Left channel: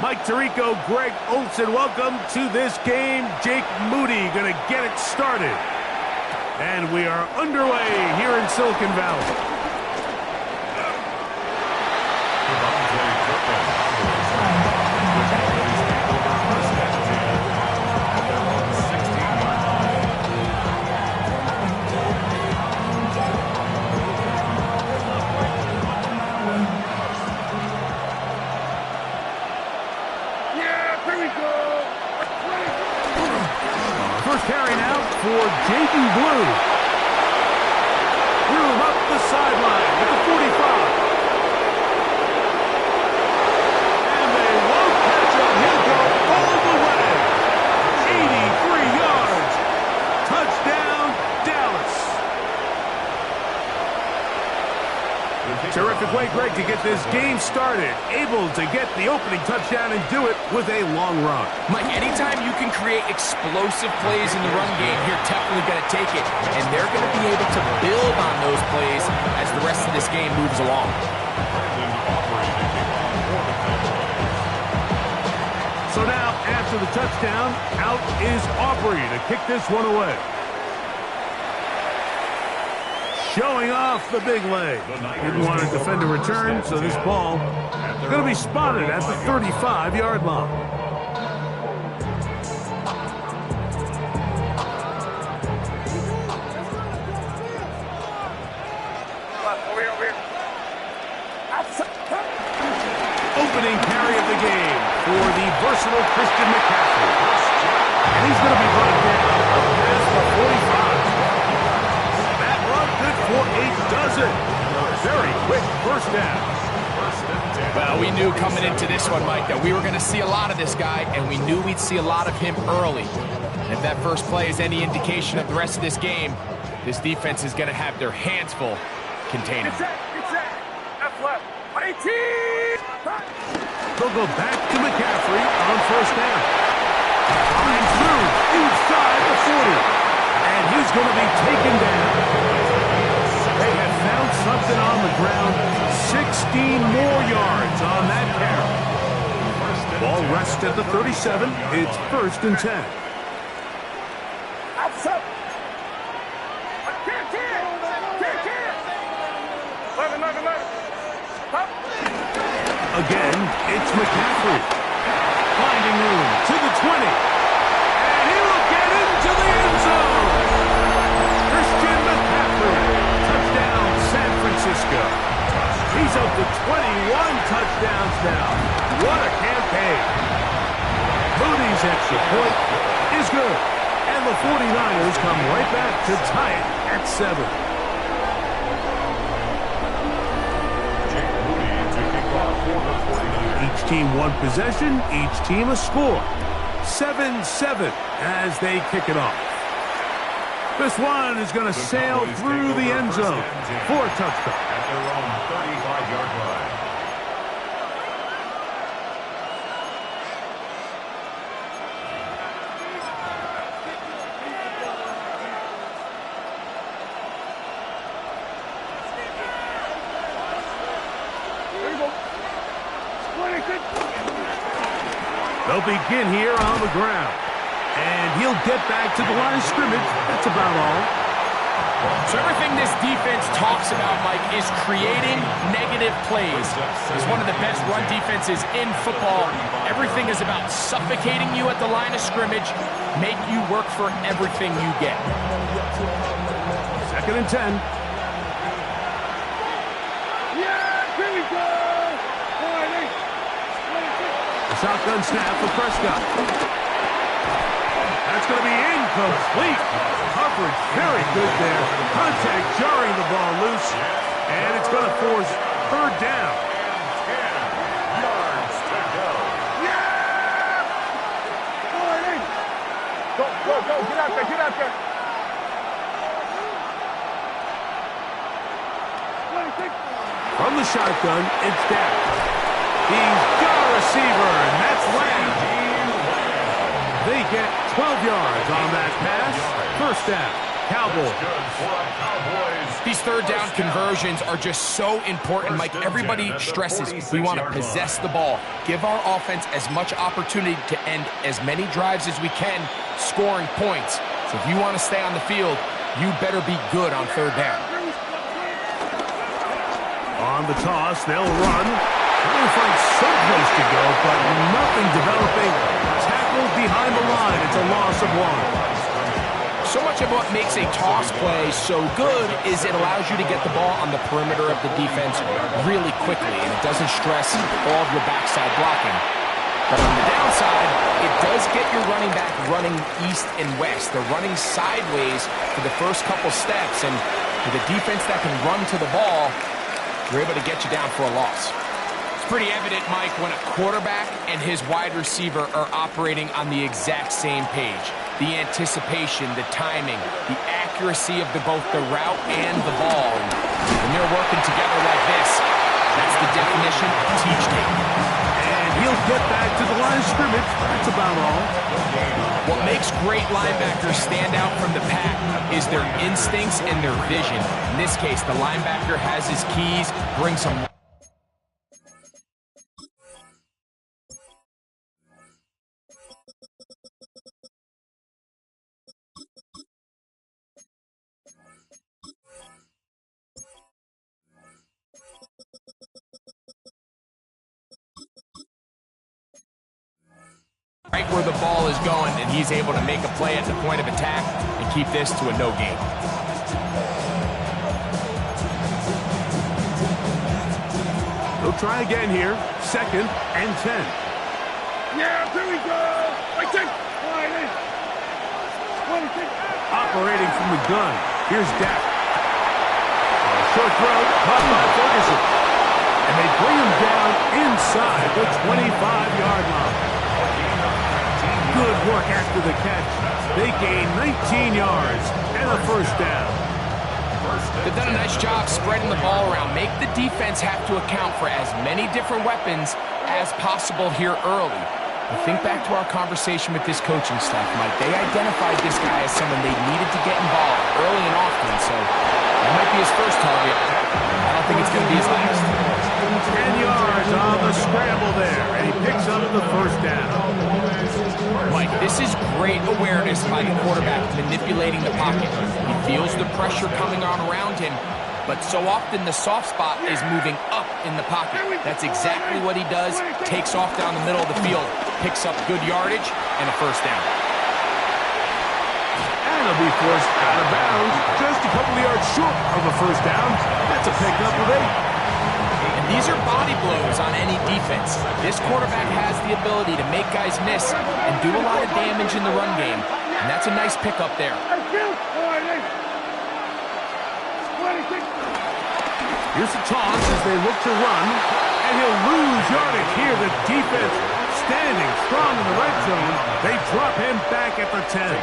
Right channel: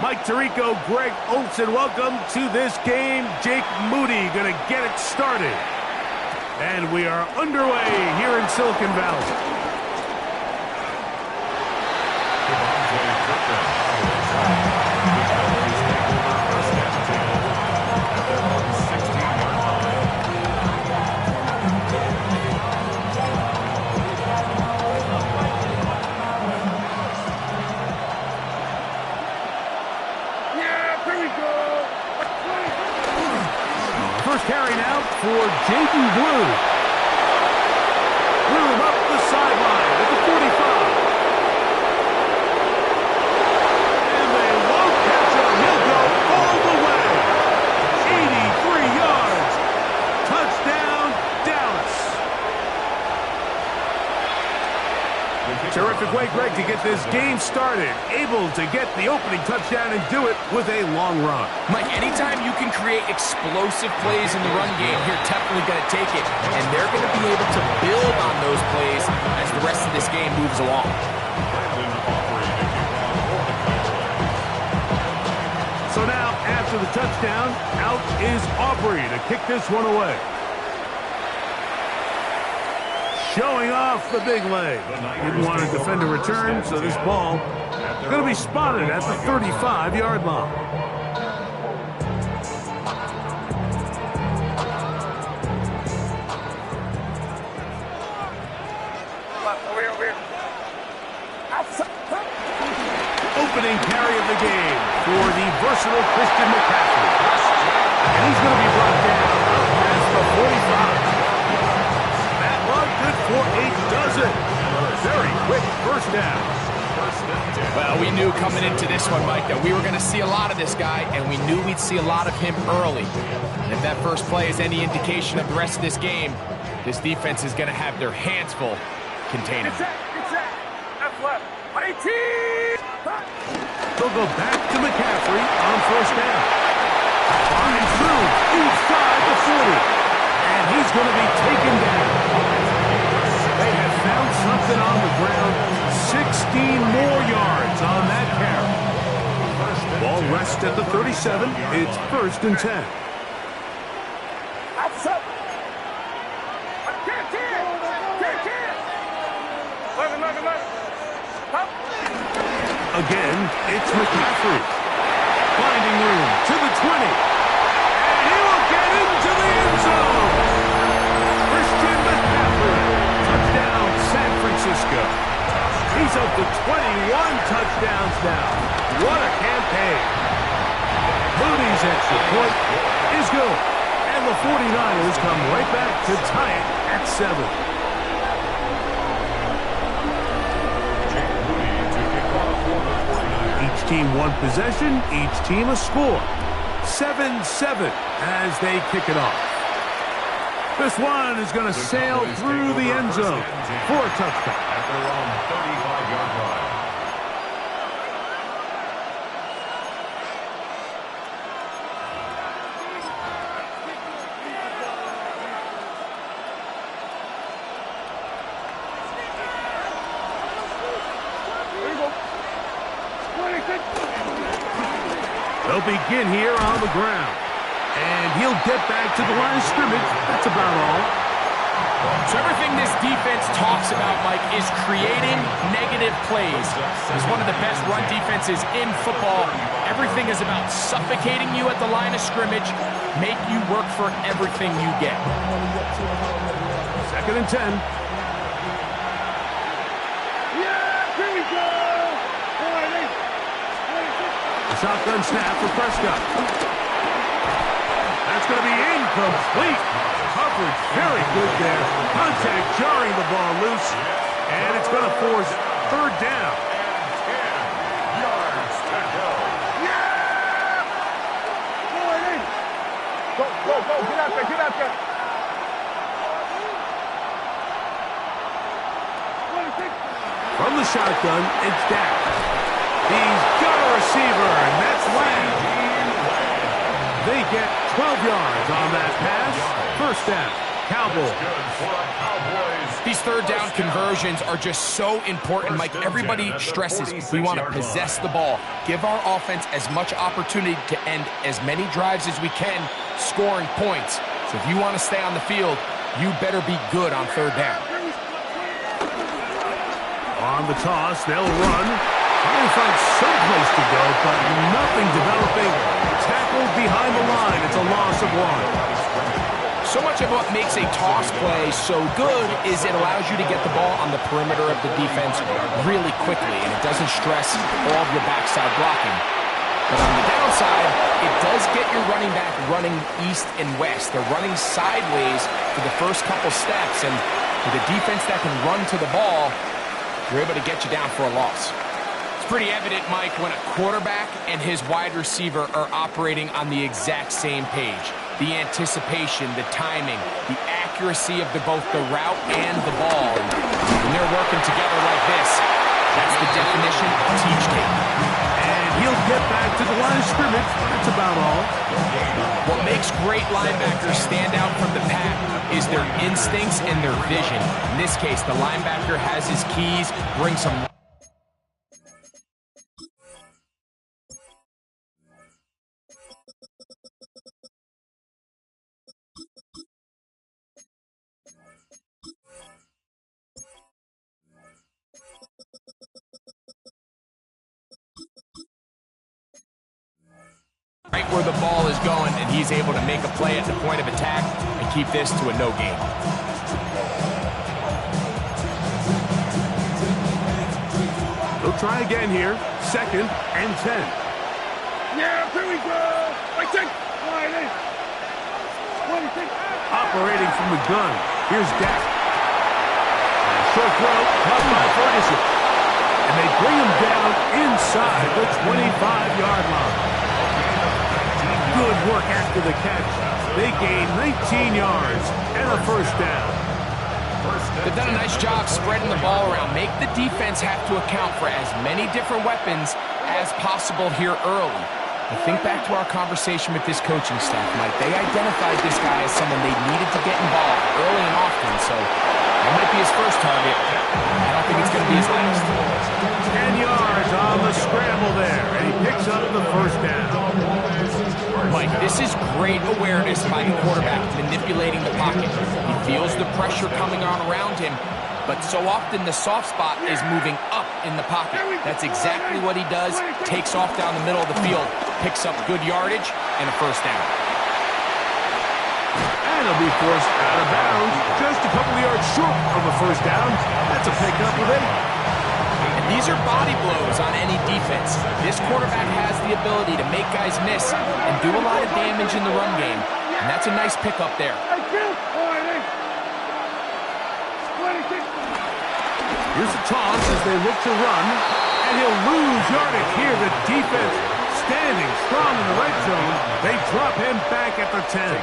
Mike Tirico, Greg Olson, welcome to this game. Jake Moody going to get it started. And we are underway here in Silicon Valley. The Cowboys take over first and 10 at their own 16-yard line. Yeah, here we go. First carry now for Jaden Blue. Room up the sideline at the 45. And they won't catch him. He'll go all the way. 83 yards. Touchdown, Dallas. Terrific way, Greg, to get this game started. Able to get the opening touchdown and do it with a long run. Mike, anytime you can create explosive plays in the run game, you're definitely going to take it. And they're going to be able to build on those plays as the rest of this game moves along. So now, after the touchdown, out is Aubrey to kick this one away. Showing off the big leg. Didn't want to defend a return, so this ball going to be spotted at the 35-yard line. Opening carry of the game for the versatile Christian McCaffrey. And he's going to be brought down up past the 45. That run good for a dozen. Very quick first down. Well, we knew coming into this one, Mike, that we were going to see a lot of this guy, and we knew we'd see a lot of him early. And if that first play is any indication of the rest of this game, this defense is going to have their hands full containing him. Left. 18. They'll go back to McCaffrey on first down. Flying through inside the 40. And he's going to be taken down. They have found something on the ground. 16 more yards on that carry. Ball rests at the 37. It's first and 10. Again, it's McCaffrey. Finding room to the 20. And he will get into the end zone. Christian McCaffrey. Touchdown, San Francisco. He's up to 21 touchdowns now. What a campaign. Moody's extra point is good. And the 49ers come right back to tie it at 7. Each team one possession, each team a score. 7-7 as they kick it off. This one is going to sail through the end zone for a touchdown. At their own 35-yard line. They'll begin here on the ground. And he'll get back to the line of scrimmage. That's about all. So everything this defense talks about, Mike, is creating negative plays. It's one of the best run defenses in football. Everything is about suffocating you at the line of scrimmage, make you work for everything you get. Second and 10. Yeah, here we go. The shotgun snap for Prescott. That's going to be incomplete. Coverage very good there. Contact jarring the ball loose. And it's going to force third down. 10 yards to go. Yeah! Go. Get out there. From the shotgun, it's Dak. He's got a receiver, and that's Lamb. They get 12 yards on that pass. First down. Cowboys. These third down conversions are just so important, Mike. Everybody stresses we want to possess the ball, give our offense as much opportunity to end as many drives as we can, scoring points. So if you want to stay on the field, you better be good on third down. On the toss, they'll run. Trying to find someplace to go, but nothing developing. Tackled behind the line. It's a loss of 1. So much of what makes a toss play so good is it allows you to get the ball on the perimeter of the defense really quickly, and it doesn't stress all of your backside blocking. But on the downside, it does get your running back running east and west. They're running sideways for the first couple steps, and with a defense that can run to the ball, you're able to get you down for a loss. It's pretty evident, Mike, when a quarterback and his wide receiver are operating on the exact same page. The anticipation, the timing, the accuracy of both the route and the ball. And when they're working together like this, that's the definition of teach tape. And he'll get back to the line of scrimmage. That's about all. What makes great linebackers stand out from the pack is their instincts and their vision. In this case, the linebacker has his keys, brings some... right where the ball is going, and he's able to make a play at the point of attack and keep this to a no gain. They'll try again here. 2nd and 10. Yeah, here we go. Operating from the gun. Here's Dak. Short throw, caught by Ferguson. And they bring him down inside the 25-yard line. Good work after the catch. They gain 19 yards and a first down. They've done a nice job spreading the ball around. Make the defense have to account for as many different weapons as possible here early. But think back to our conversation with this coaching staff, Mike. They identified this guy as someone they needed to get involved early and often, so that might be his first target. I don't think it's going to be his last. 10 yards on the scramble there, and he picks up the first down. Mike, this is great awareness by the quarterback manipulating the pocket. He feels the pressure coming on around him, but so often the soft spot is moving up in the pocket. That's exactly what he does. Takes off down the middle of the field, picks up good yardage, and a first down. And he'll be forced out of bounds, just a couple of yards short of a first down. That's a pickup of 8. And these are body blows on any defense. This quarterback has the ability to make guys miss and do a lot of damage in the run game. And that's a nice pickup there. Here's the toss as they look to run. And he'll lose yardage here. The defense standing strong in the red zone. They drop him back at the 10.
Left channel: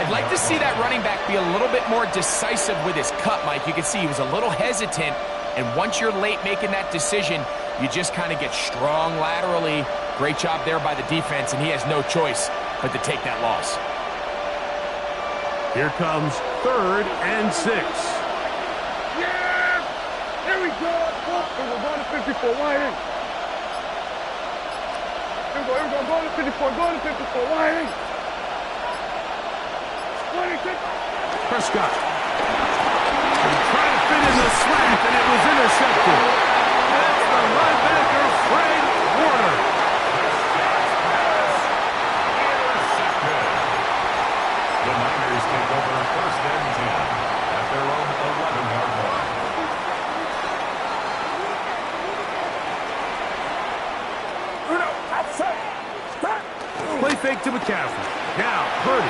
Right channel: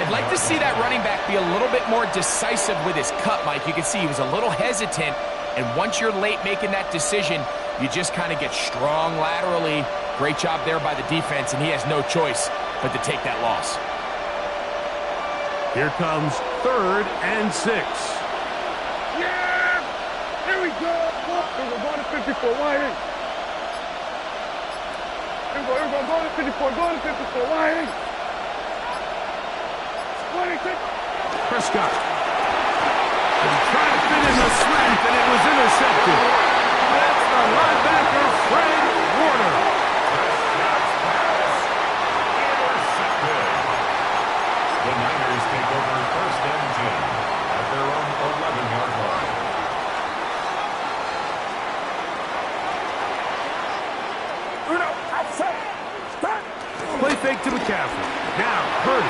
I'd like to see that running back be a little bit more decisive with his cut, Mike. You can see he was a little hesitant. And once you're late making that decision, you just kind of get strong laterally. Great job there by the defense, and he has no choice but to take that loss. Here comes 3rd and 6. Yeah! Here we go! We're going to 54. Wide in. Here we go. Going to 54. Going to 54. Wide in. 26. Prescott. And trying to fit in the slant, and it was intercepted. That's the linebacker, Fred Warner. Intercepted. The Niners take over 1st and 10 at their own 11-yard line. Play fake to McCaffrey. Now, Purdy.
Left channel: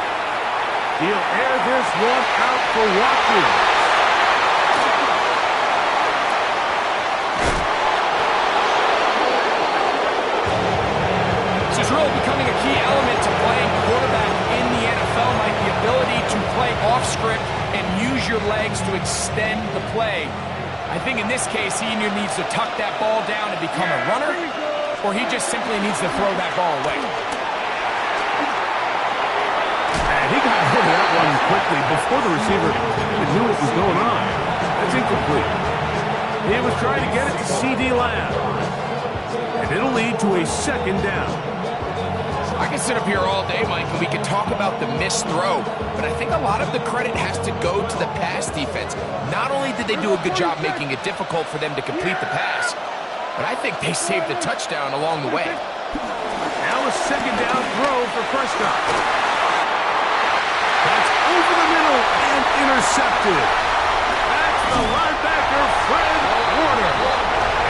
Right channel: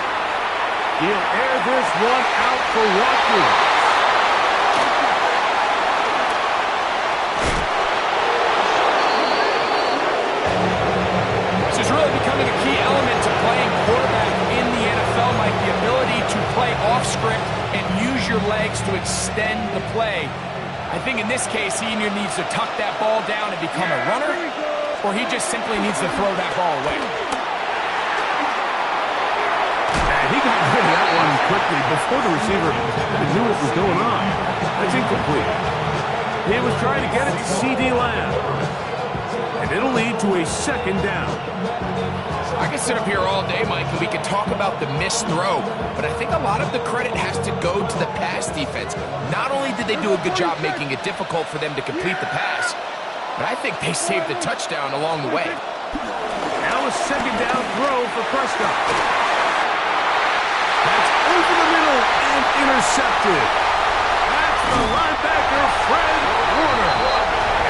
He'll air this one out for Watkins. This is really becoming a key element to playing quarterback in the NFL, Mike. The ability to play off script and use your legs to extend the play. I think in this case, he either needs to tuck that ball down and become a runner, or he just simply needs to throw that ball away. And He got rid of that one quickly before the receiver even knew what was going on. That's incomplete. He was trying to get it to C.D. Lamb. And it'll lead to a second down. I can sit up here all day, Mike, and we can talk about the missed throw, but I think a lot of the credit has to go to the pass defense. Not only did they do a good job making it difficult for them to complete the pass, but I think they saved the touchdown along the way. Now a second down throw for Prescott. That's over the middle and intercepted. That's the linebacker, Fred Warner.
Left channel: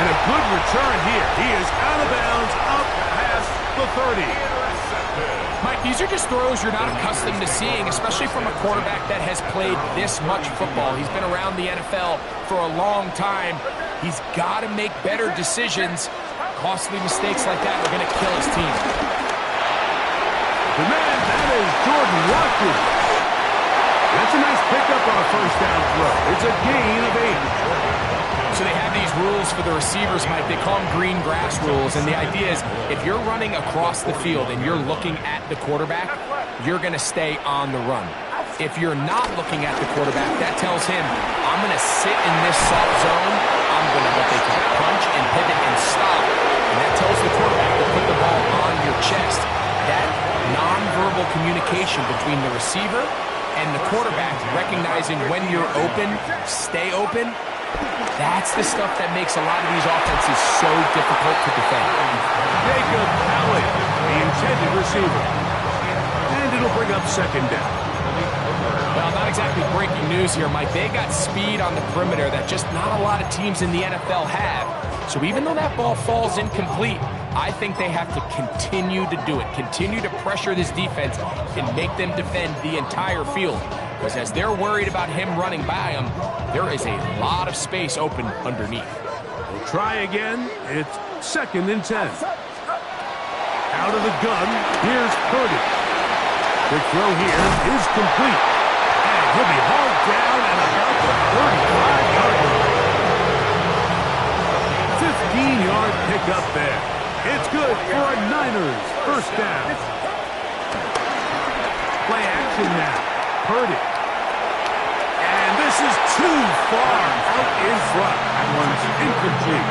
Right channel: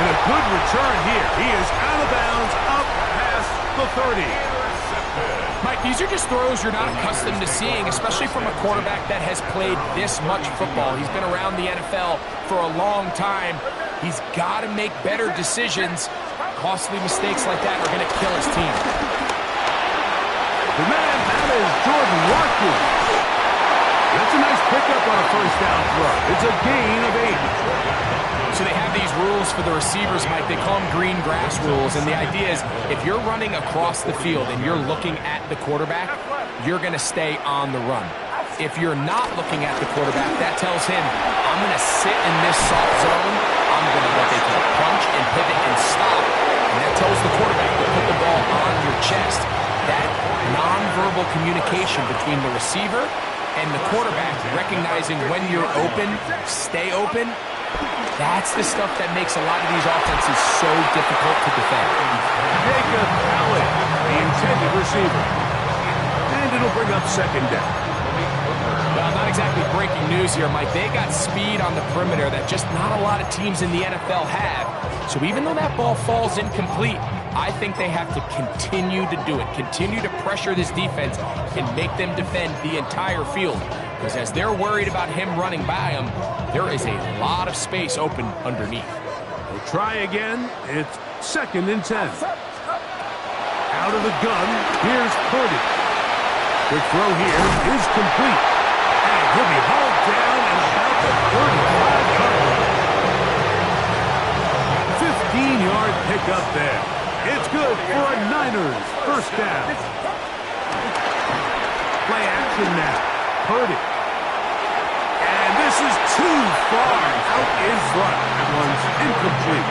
And a good return here. He is out of bounds up past the 30. Mike, these are just throws you're not accustomed to seeing, especially from a quarterback that has played this much football. He's been around the NFL for a long time. He's got to make better decisions. Costly mistakes like that are going to kill his team. The man, that is Jordan Watkins. That's a nice pickup on a first down throw. It's a gain of 8. So they have these rules for the receivers, Mike. They call them green grass rules. And the idea is if you're running across the field and you're looking at the quarterback, you're going to stay on the run. If you're not looking at the quarterback, that tells him, I'm going to sit in this soft zone. I'm going to what they call punch and pivot and stop. And that tells the quarterback to put the ball on your chest. That nonverbal communication between the receiver and the quarterback, recognizing when you're open, stay open, that's the stuff that makes a lot of these offenses so difficult to defend. Jacob Allen, the intended receiver. And it'll bring up second down. Well, not exactly breaking news here, Mike. They got speed on the perimeter that just not a lot of teams in the NFL have. So even though that ball falls incomplete, I think they have to continue to do it, continue to pressure this defense and make them defend the entire field. Because as they're worried about him running by them, there is a lot of space open underneath. We'll try again. It's second and 10. Out of the gun, here's Purdy. Quick throw here is complete. And he'll be hauled down at about the 35-yard line. 15-yard pickup there. It's good for a Niners first down. Play action now. Purdy. And this is too far out in front. That one's incomplete.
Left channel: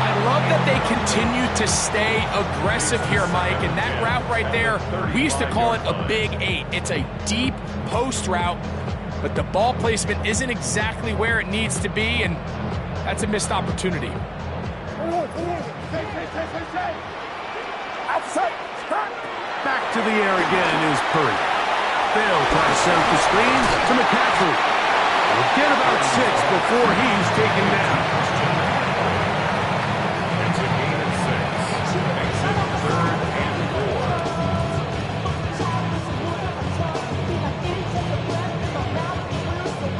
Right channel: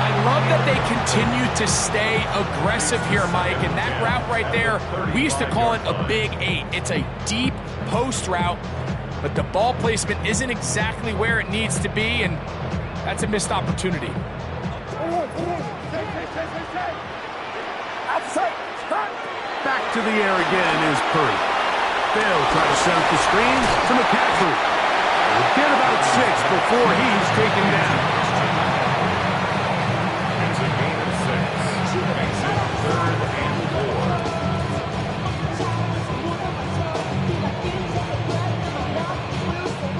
I love that they continue to stay aggressive here, Mike. And that route right there, we used to call it a big 8. It's a deep post route, but the ball placement isn't exactly where it needs to be, and that's a missed opportunity. Back to the air again is Purdy. They'll try to set up the screen to McCaffrey. We'll get about 6 before he's taken down. It's a gain of 6. Makes it 3rd and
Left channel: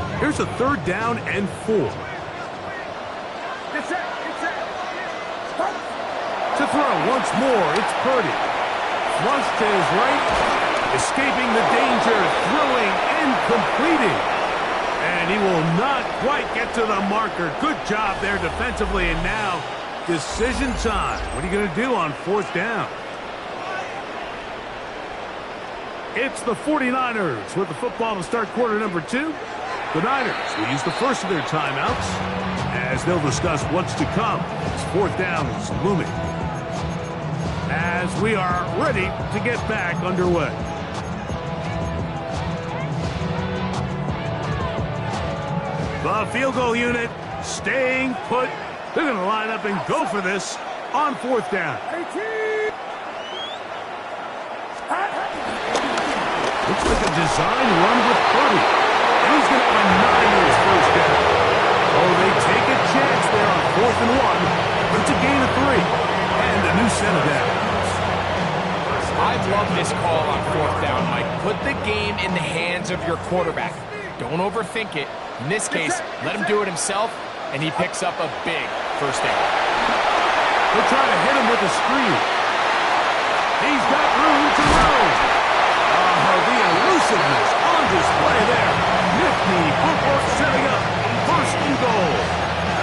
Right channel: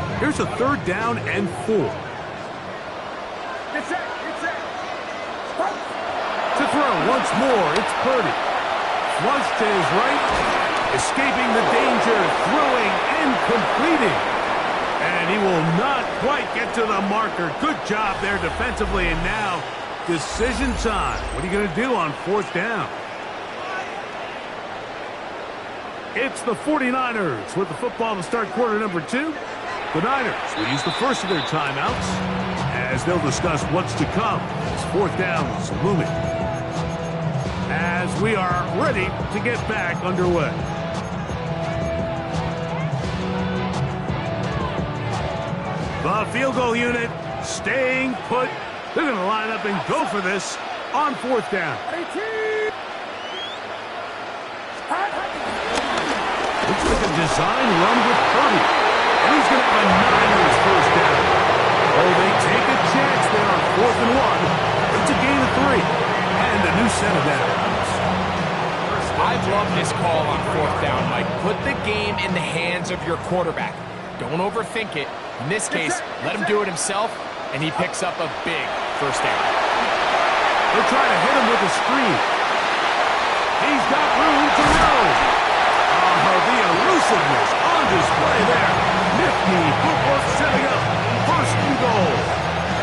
4. Here's a 3rd down and 4. To throw once more, it's Purdy. Flush to his right, escaping the danger, throwing and completing. And he will not quite get to the marker. Good job there defensively, and now decision time. What are you going to do on 4th down? It's the 49ers with the football to start quarter number 2. The Niners will use the first of their timeouts as they'll discuss what's to come as 4th down is looming. As we are ready to get back underway. The field goal unit staying put. They're going to line up and go for this on 4th down. Looks like a design run with Purdy. And he's going to have a Niners first down. Oh, they take a chance there on 4th and 1. But it's a gain of 3. And a new set of downs. I love this call on 4th down, Mike. Put the game in the hands of your quarterback. Don't overthink it. In this case, let him do it himself, and he picks up a big first down. They'll try to hit him with a screen. He's got room to roam. Oh, the elusiveness on display there. Nifty footwork setting up first and goal.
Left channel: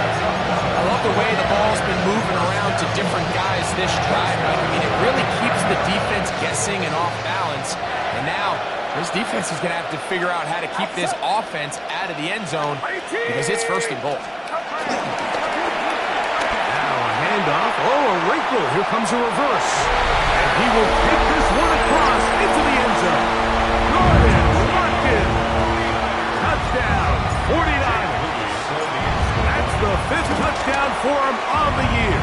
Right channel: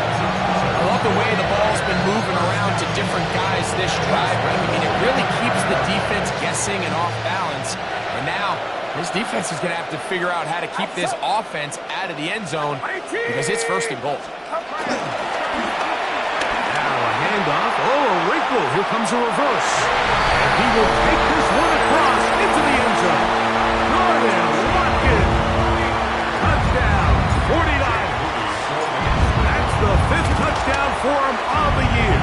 I love the way the ball's been moving around to different guys this drive, Mike. I mean, it really keeps the defense guessing and off balance. And now This defense is going to have to figure out how to keep this offense out of the end zone because it's first and goal. Now a handoff. Oh, a wrinkle. Here comes a reverse. And he will take this one across into the end zone. Gordon Watkins. Touchdown, 49ers. That's the 5th touchdown for him of the year.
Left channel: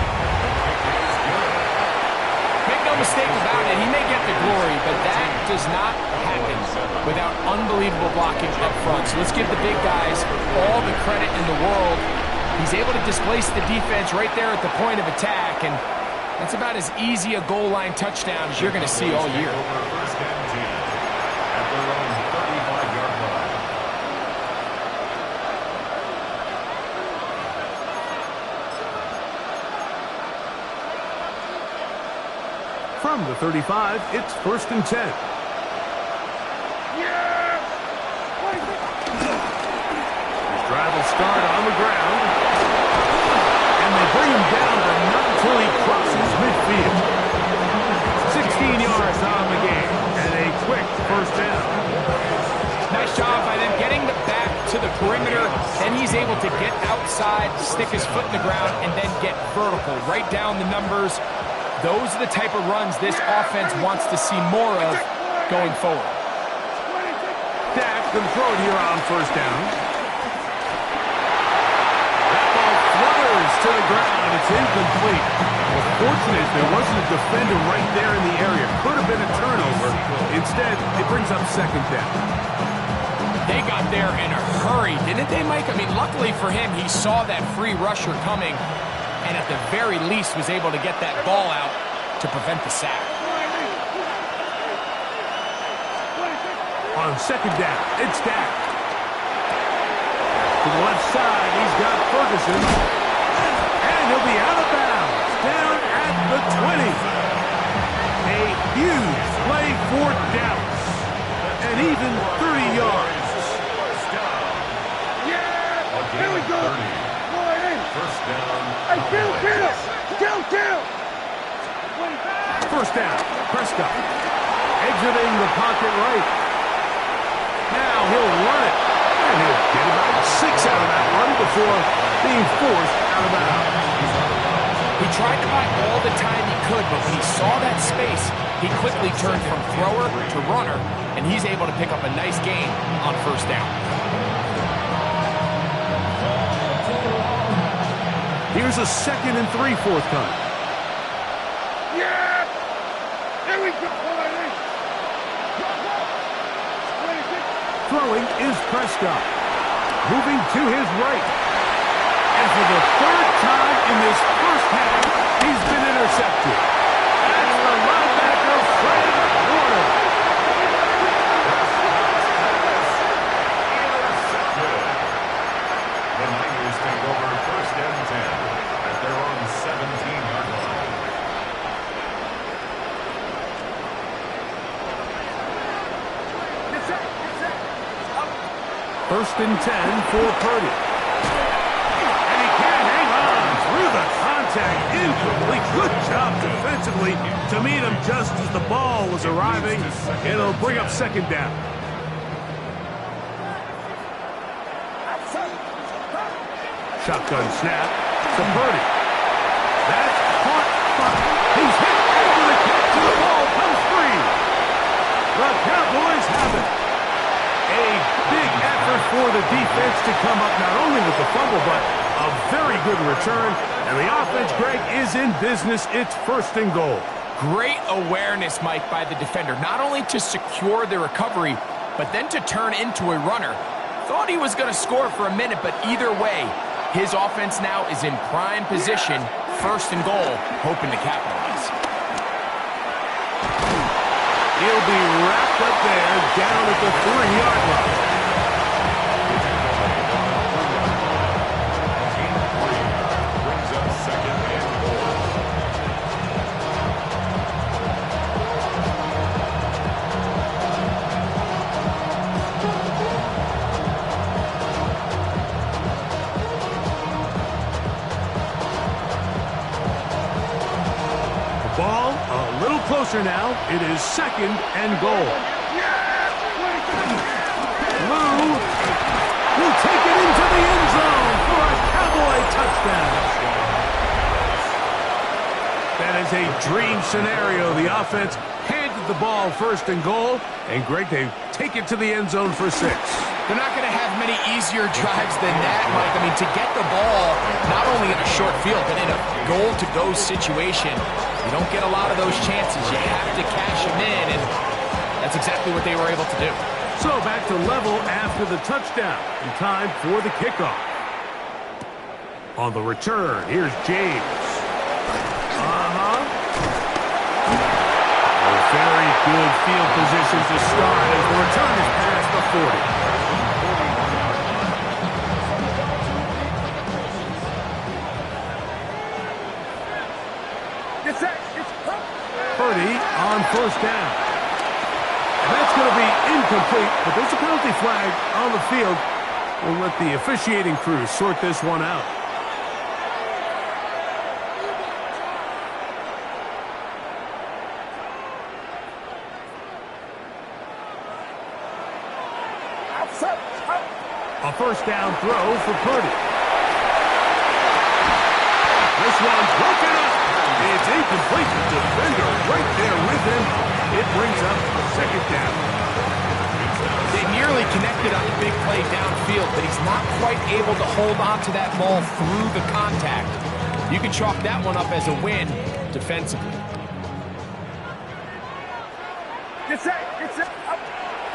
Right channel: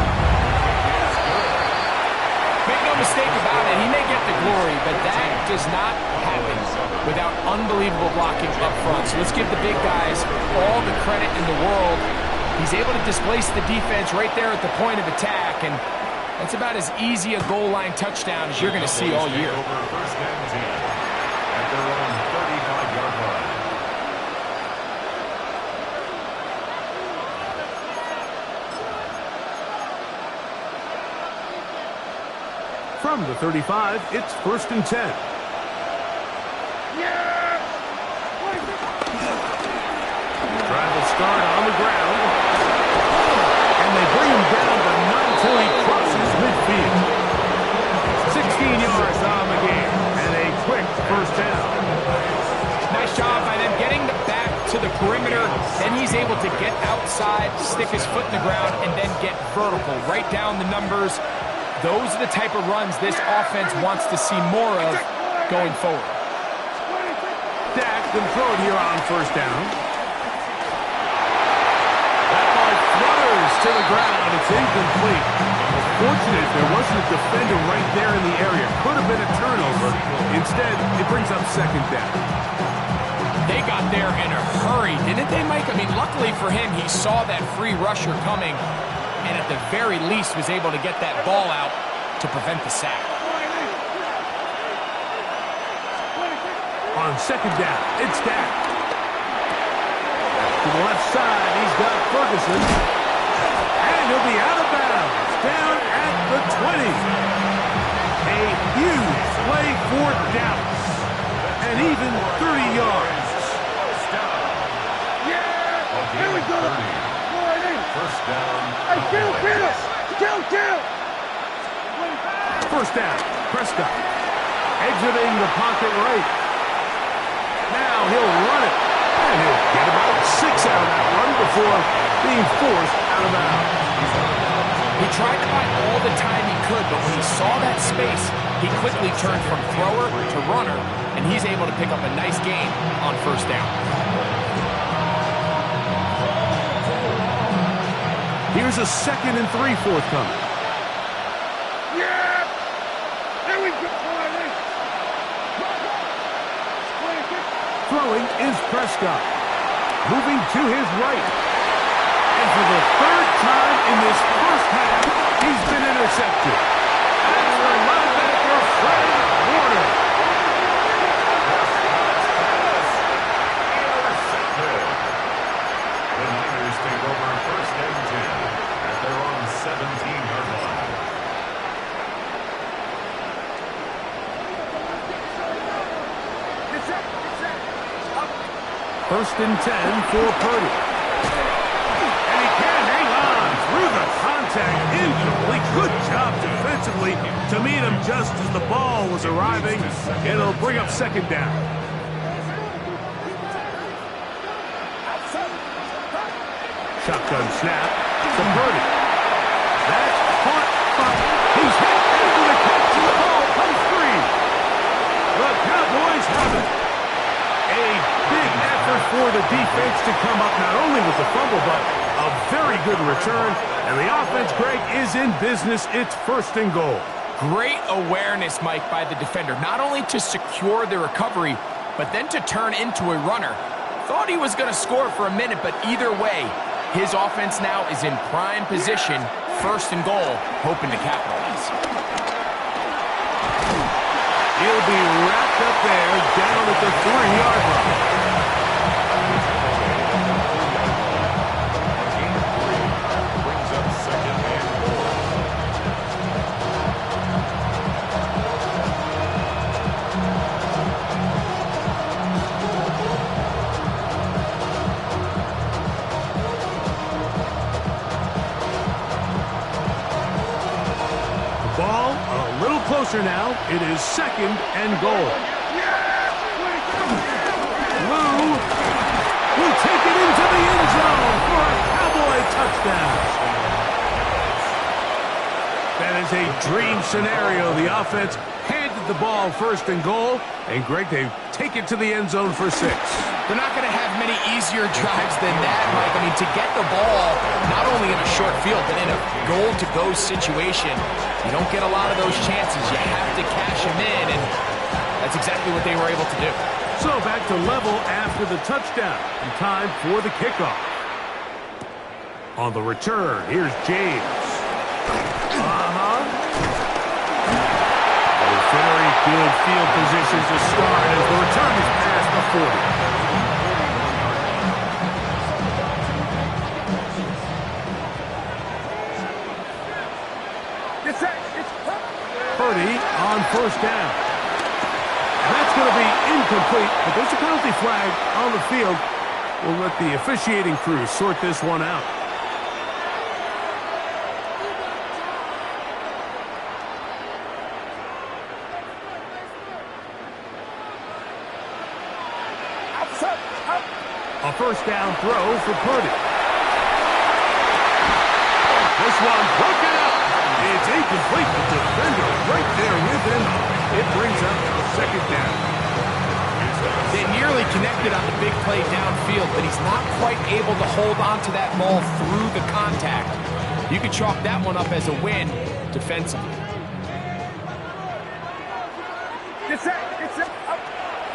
Make no mistake about it, he may get the glory, but that does not happen without unbelievable blocking up front. So let's give the big guys all the credit in the world. He's able to displace the defense right there at the point of attack, and that's about as easy a goal line touchdown as you're going to see all year. First and 10 at their own 35-yard line. From the 35, it's first and 10. Drive will start on the ground. And they bring him down, but not until he crosses midfield. 16 yards on the game, and a quick first down. Nice job by them getting the back to the perimeter. Then he's able to get outside, stick his foot in the ground, and then get vertical. Right down the numbers. Those are the type of runs this offense wants to see more of going forward. Dak can throw it here on first down. That ball flutters to the ground. It's incomplete. Well, fortunate there wasn't a defender right there in the area. Could have been a turnover. Instead, it brings up second down. They got there in a hurry, didn't they, Mike? I mean, luckily for him, he saw that free rusher coming, and at the very least was able to get that ball out to prevent the sack. On second down, it's Dak. To the left side, he's got Ferguson. And he'll be out of bounds, down at the 20. A huge play for Dallas. And even 30 yards. Here we go. First down. Hey, kill. First down, Prescott. Exiting the pocket right. Now he'll run it. And he'll get about 6 out of that run before being forced out of bounds. He tried to buy all the time he could, but when he saw that space, he quickly turned from thrower to runner, and he's able to pick up a nice gain on first down. Here's a 2nd and 3 forthcoming. Yeah! Here we go. Throwing is Prescott. Moving to his right. And for the 3rd time in this first half, he's been intercepted. That's the linebacker, Fred Warner. Intercepted. The Niners take over first and 10 at their own 17-yard line. First and 10 for Purdy. And he can't hang on through the contact. Incomplete. Good job defensively to meet him just as the ball was arriving. It'll bring up second down. Shotgun snap to Purdy. That's caught. He's hit after the catch, and the ball comes free. The Cowboys have it. A big effort for the defense to come up not only with the fumble, but a very good return. And the offense, Greg, is in business. It's first and goal. Great awareness, Mike, by the defender. Not only to secure the recovery, but then to turn into a runner. Thought he was going to score for a minute, but either way, his offense now is in prime position, first and goal, hoping to capitalize. He'll be wrapped up there down at the 3-yard line. Brings up second and goal. The ball a little closer now. It is second and goal. will take it into the end zone for a Cowboy touchdown. That is a dream scenario. The offense handed the ball first and goal, and Greg, they take it to the end zone for 6. They're not going to have many easier drives than that, Mike. I mean, to get the ball, not only in a short field, but in a goal-to-go situation, you don't get a lot of those chances. You have to cash them in, and that's exactly what they were able to do. So back to level after the touchdown, and time for the kickoff. On the return, here's James. Very good field position to start as the return is past the 40. Purdy on first down. And that's going to be incomplete, but there's a penalty flag on the field. We'll let the officiating crew sort this one out. A first down throw for Purdy. This one broken up. It's incomplete. The defender right there with him. It brings up second down. They nearly connected on the big play downfield, but he's not quite able to hold on to that ball through the contact. You can chalk that one up as a win defensively.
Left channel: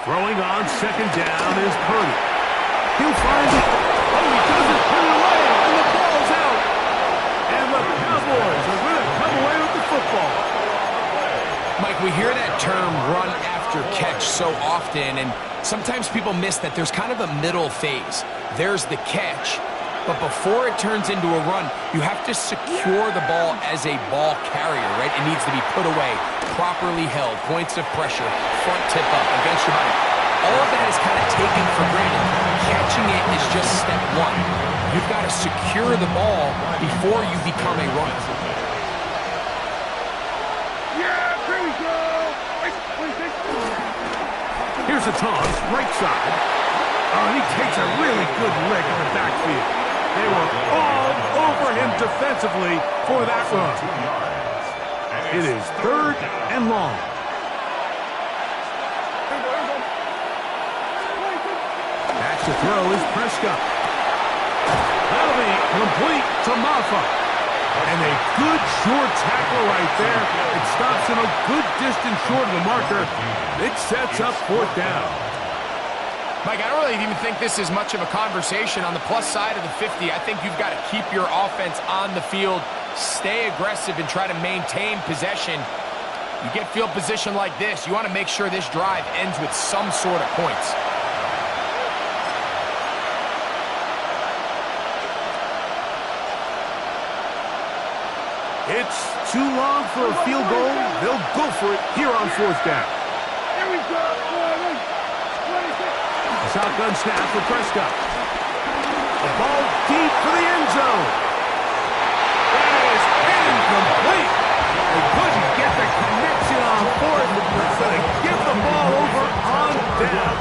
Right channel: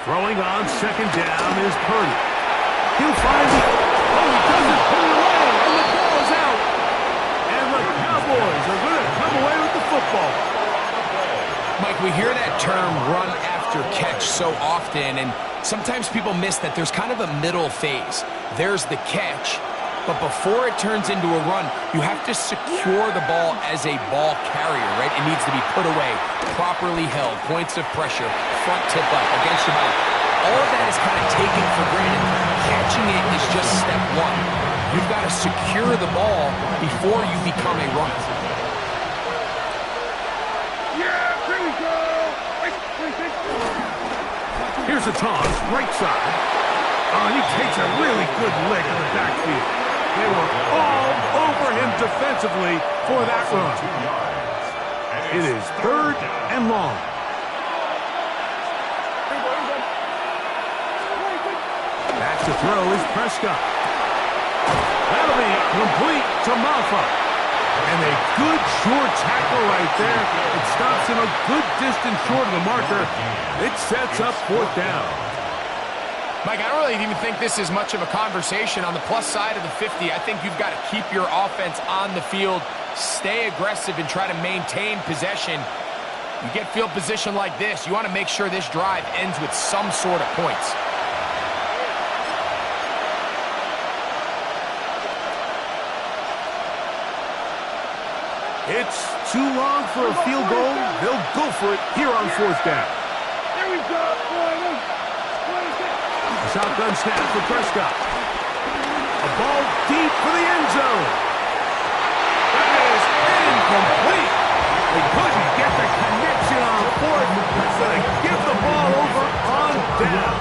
Throwing on second down is Purdy. He'll find it. Oh, he doesn't put it away, and the ball's out. And the Cowboys are going to come away with the football. Mike, we hear that term run after catch so often, and sometimes people miss that there's kind of a middle phase. There's the catch, but before it turns into a run, you have to secure the ball as a ball carrier, right? It needs to be put away, properly held, points of pressure, front tip up against your body. All of that is kind of taken for granted. Catching it is just step one. You've got to secure the ball before you become a runner. Yeah, here we go. Here's a toss, right side. Oh, and he takes a really good lick in the backfield. They were all over him defensively for that run. It is third and long. Back to throw is Prescott. That'll be complete to Maffa. And a good short tackle right there. It stops him a good distance short of the marker. It sets up fourth down. Mike, I don't really even think this is much of a conversation. On the plus side of the 50, I think you've got to keep your offense on the field, stay aggressive, and try to maintain possession. You get field position like this, you want to make sure this drive ends with some sort of points. It's too long for a field goal. They'll go for it here on fourth down. Here we go. A shotgun snap for Prescott. A ball deep for the end zone. That is incomplete. They couldn't get the connection on fourth. That's going to give the ball over on down.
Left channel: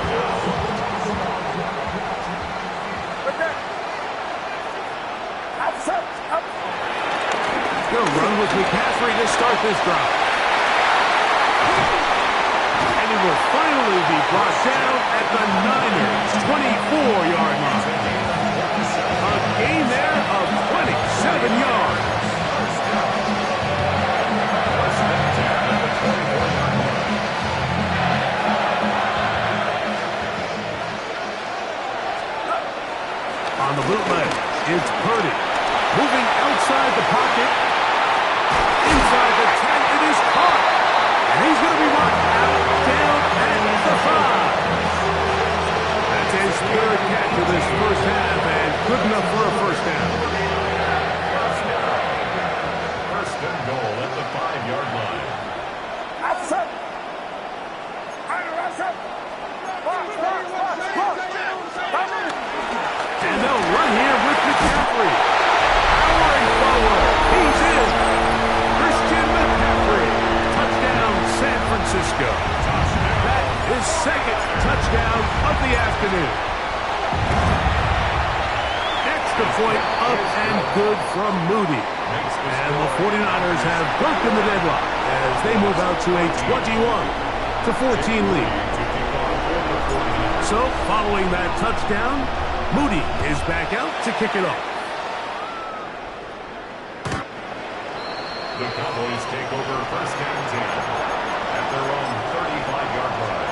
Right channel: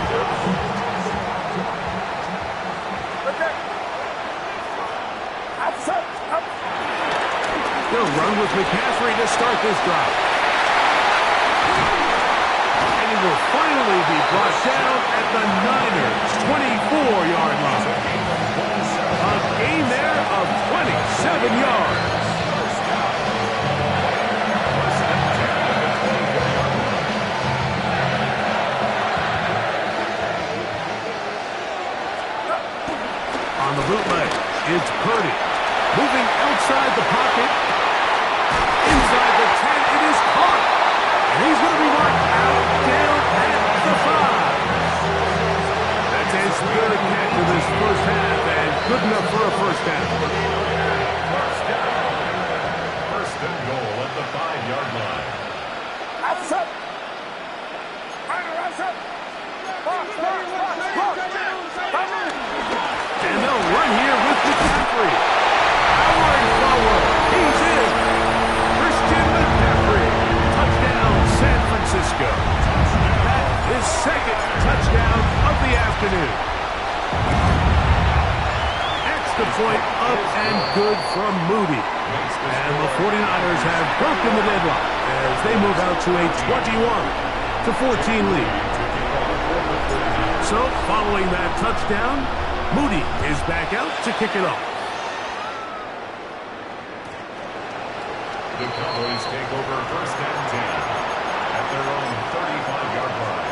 They'll run with McCaffrey to start this drive. And he will finally be brought down at the Niners' 24-yard line. A gain there of 27 yards. On the bootleg, it's Purdy. Moving outside the pocket. Inside the 10, it is caught. And he's going to be marked out down at the 5. That's his third catch of this first half, and good enough for a first down. First and goal at the 5-yard line. And they'll run here with McCaffrey. Powering forward. He's in. Christian McCaffrey. Touchdown, San Francisco. That is second touchdown of the afternoon. Extra point up and good from Moody. And the 49ers have broken the deadlock as they move out to a 21-14 lead. So, following that touchdown, Moody is back out to kick it off. The Cowboys take over first and 10 at their own 35-yard line.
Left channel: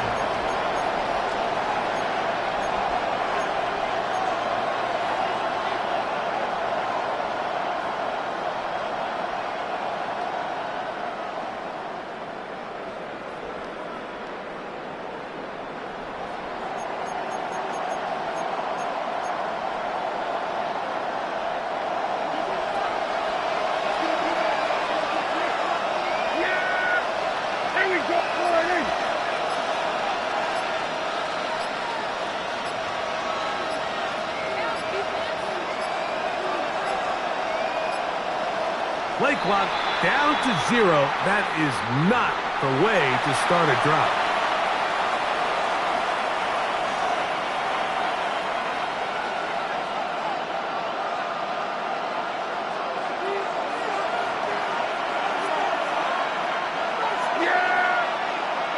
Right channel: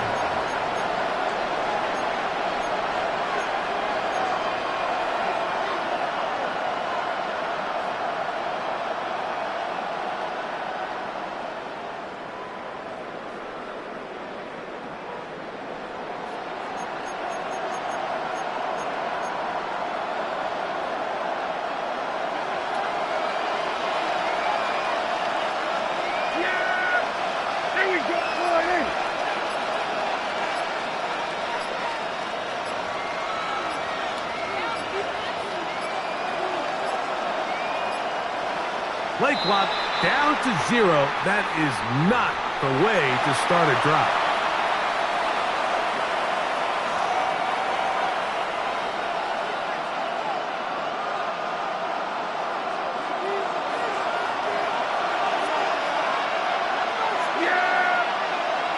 Play clock down to 0. That is not the way to start a drive.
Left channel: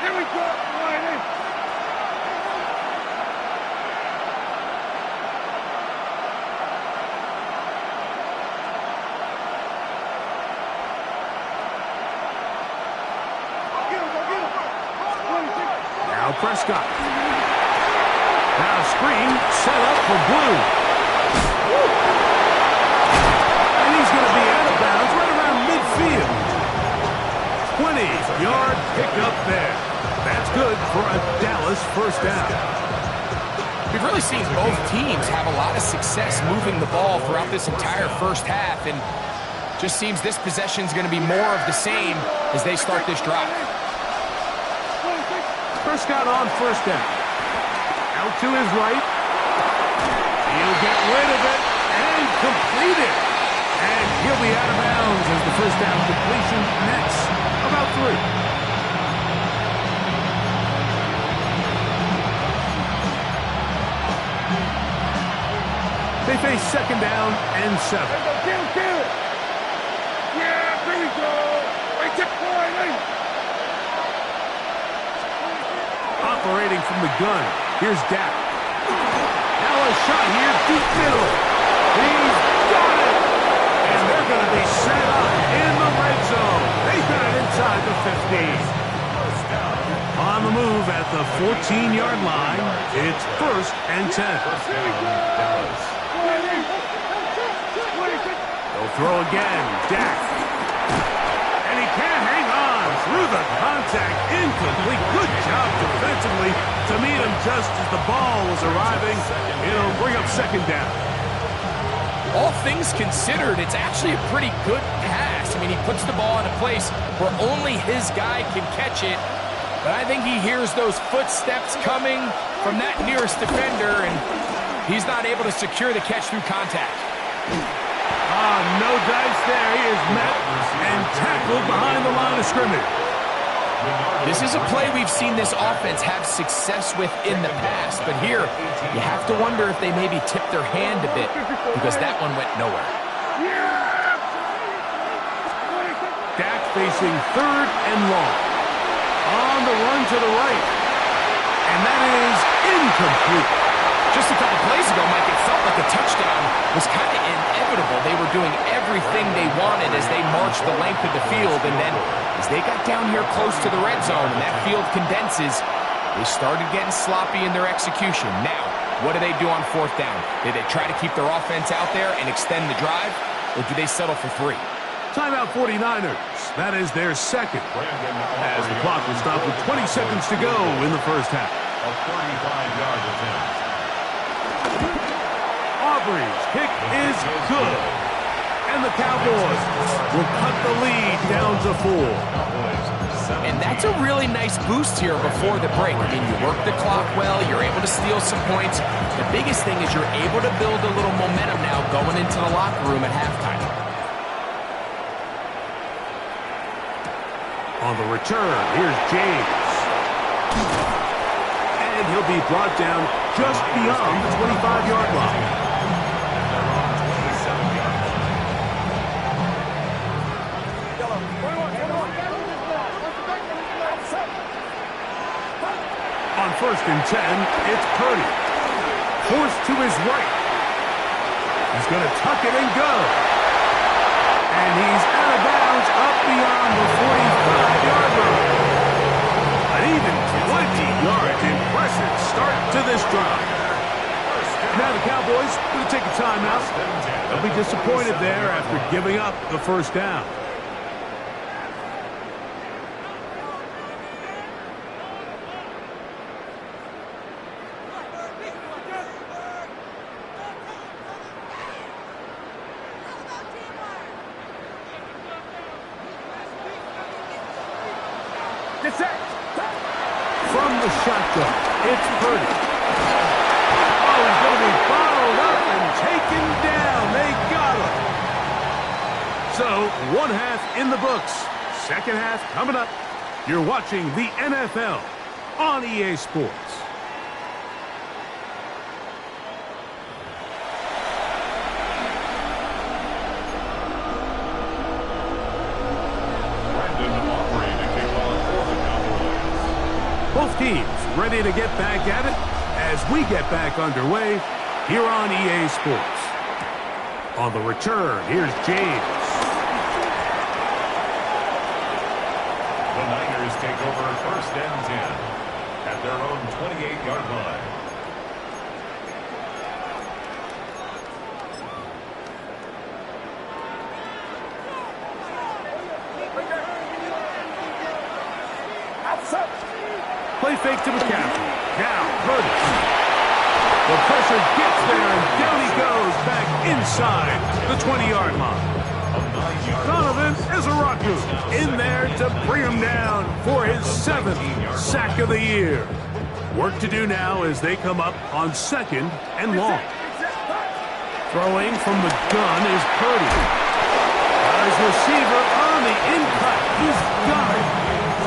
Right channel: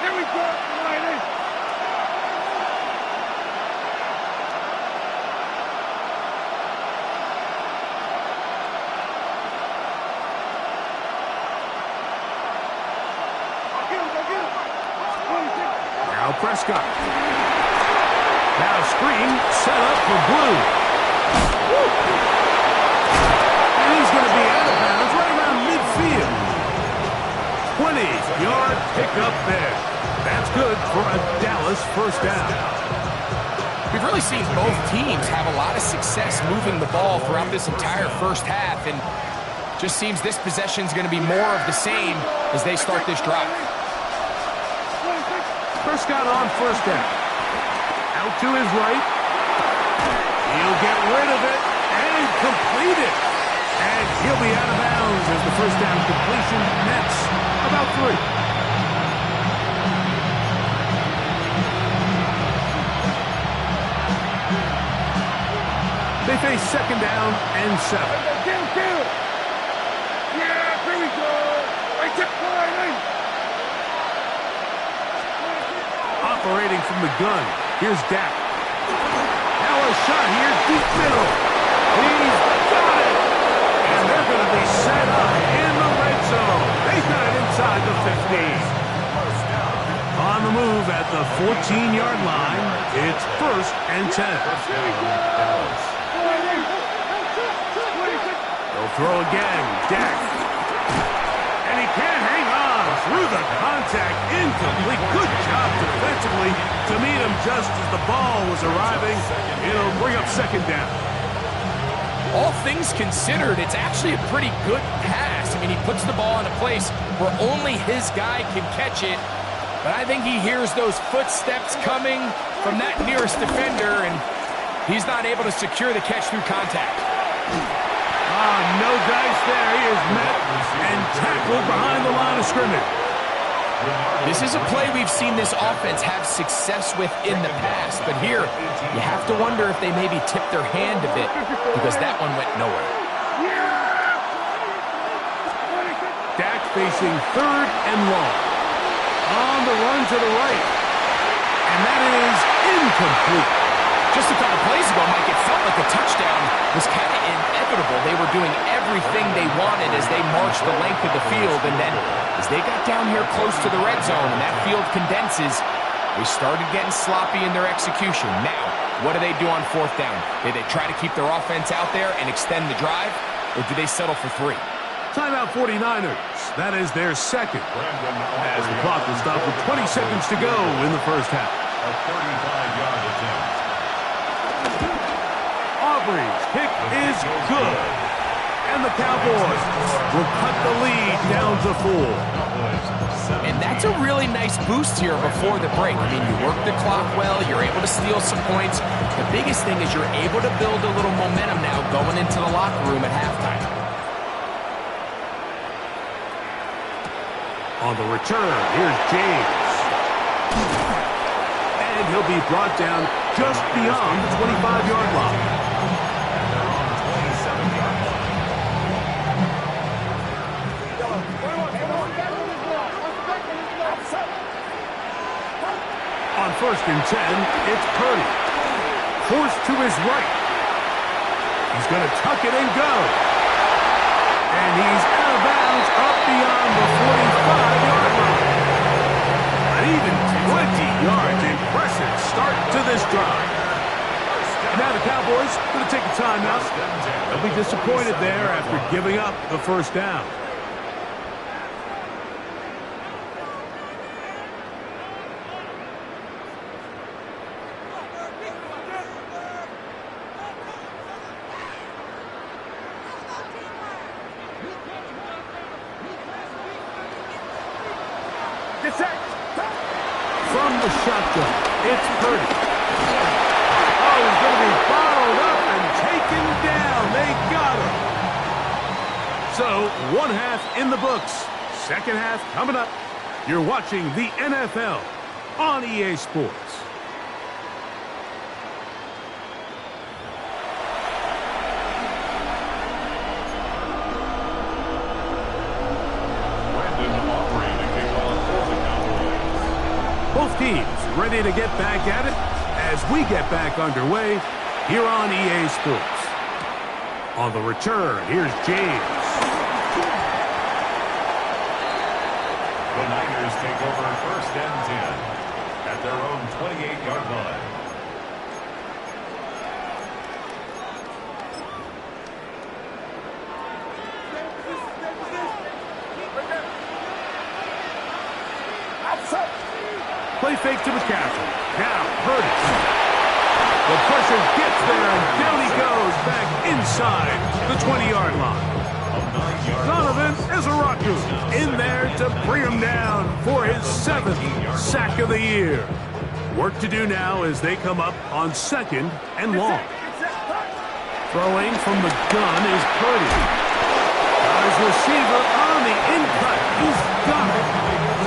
Here we go, Lions. Now Prescott. Now screen set up for Blue. Woo. And he's going to be out of bounds right around midfield. 20-yard pickup there. That's good for a Dallas first down. We've really seen both teams have a lot of success moving the ball throughout this entire first half, and just seems this possession is going to be more of the same as they start this drive. Prescott on first down. Out to his right. He'll get rid of it and complete it. And he'll be out of bounds as the first down completion nets about 3. They face second down and 7. Yeah, here we go. Operating from the gun. Here's Dak. Now a shot here, deep middle. He's got it. And they're going to be set up in the red zone. They got it inside the 15. On the move at the 14-yard line, it's first and 10. They'll throw again. Dak. And he can't hang on through the contact. Incomplete. Good job defensively to meet him just as the ball was arriving. It'll bring up second down. All things considered, it's actually a pretty good pass. I mean, he puts the ball in a place where only his guy can catch it. But I think he hears those footsteps coming from that nearest defender, and he's not able to secure the catch through contact. No dice there. He is met and tackled behind the line of scrimmage. This is a play we've seen this offense have success with in the past, but here you have to wonder if they maybe tipped their hand a bit because that one went nowhere. Dak facing third and long. On the run to the right. And that is incomplete. Just a couple plays ago, Mike, it felt like the touchdown was kind of inevitable. They were doing everything they wanted as they marched the length of the field, and then as they got down here close to the red zone and that field condenses, they started getting sloppy in their execution. Now, what do they do on fourth down? Do they try to keep their offense out there and extend the drive, or do they settle for 3? Timeout 49ers. That is their second. As the clock will stop with 20 seconds to go in the first half. A 35-yard attempt. Aubrey's kick is good. And the Cowboys will cut the lead down to 4. And that's a really nice boost here before the break. I mean, you work the clock well, you're able to steal some points. The biggest thing is you're able to build a little momentum now going into the locker room at halftime. On the return, here's James. And he'll be brought down just beyond the 25-yard line. At their own first and 10, it's Purdy. Forced to his right. He's going to tuck it and go. And he's out of bounds up beyond the 45-yard line. An even 20 yards. Impressive start to this drive. Now the Cowboys going to take a timeout. They'll be disappointed there after giving up the first down. From the shotgun, it's Purdy. Oh, he's going to be bottled up and taken down. They got him. So, one half in the books. Second half coming up. You're watching the NFL on EA Sports. Both teams ready to get back at it as we get back underway here on EA Sports. On the return, here's James. The Niners take over first and 10 at their own 28-yard line. Play fake to McCaffrey. Now, Purdy. The pressure gets there, and down he goes back inside the 20-yard line. Donovan Ezaraku in there to bring him down for his 7th sack of the year. Work to do now as they come up on second and long. Throwing from the gun is Purdy. Got his receiver on the in-cut. He's got it.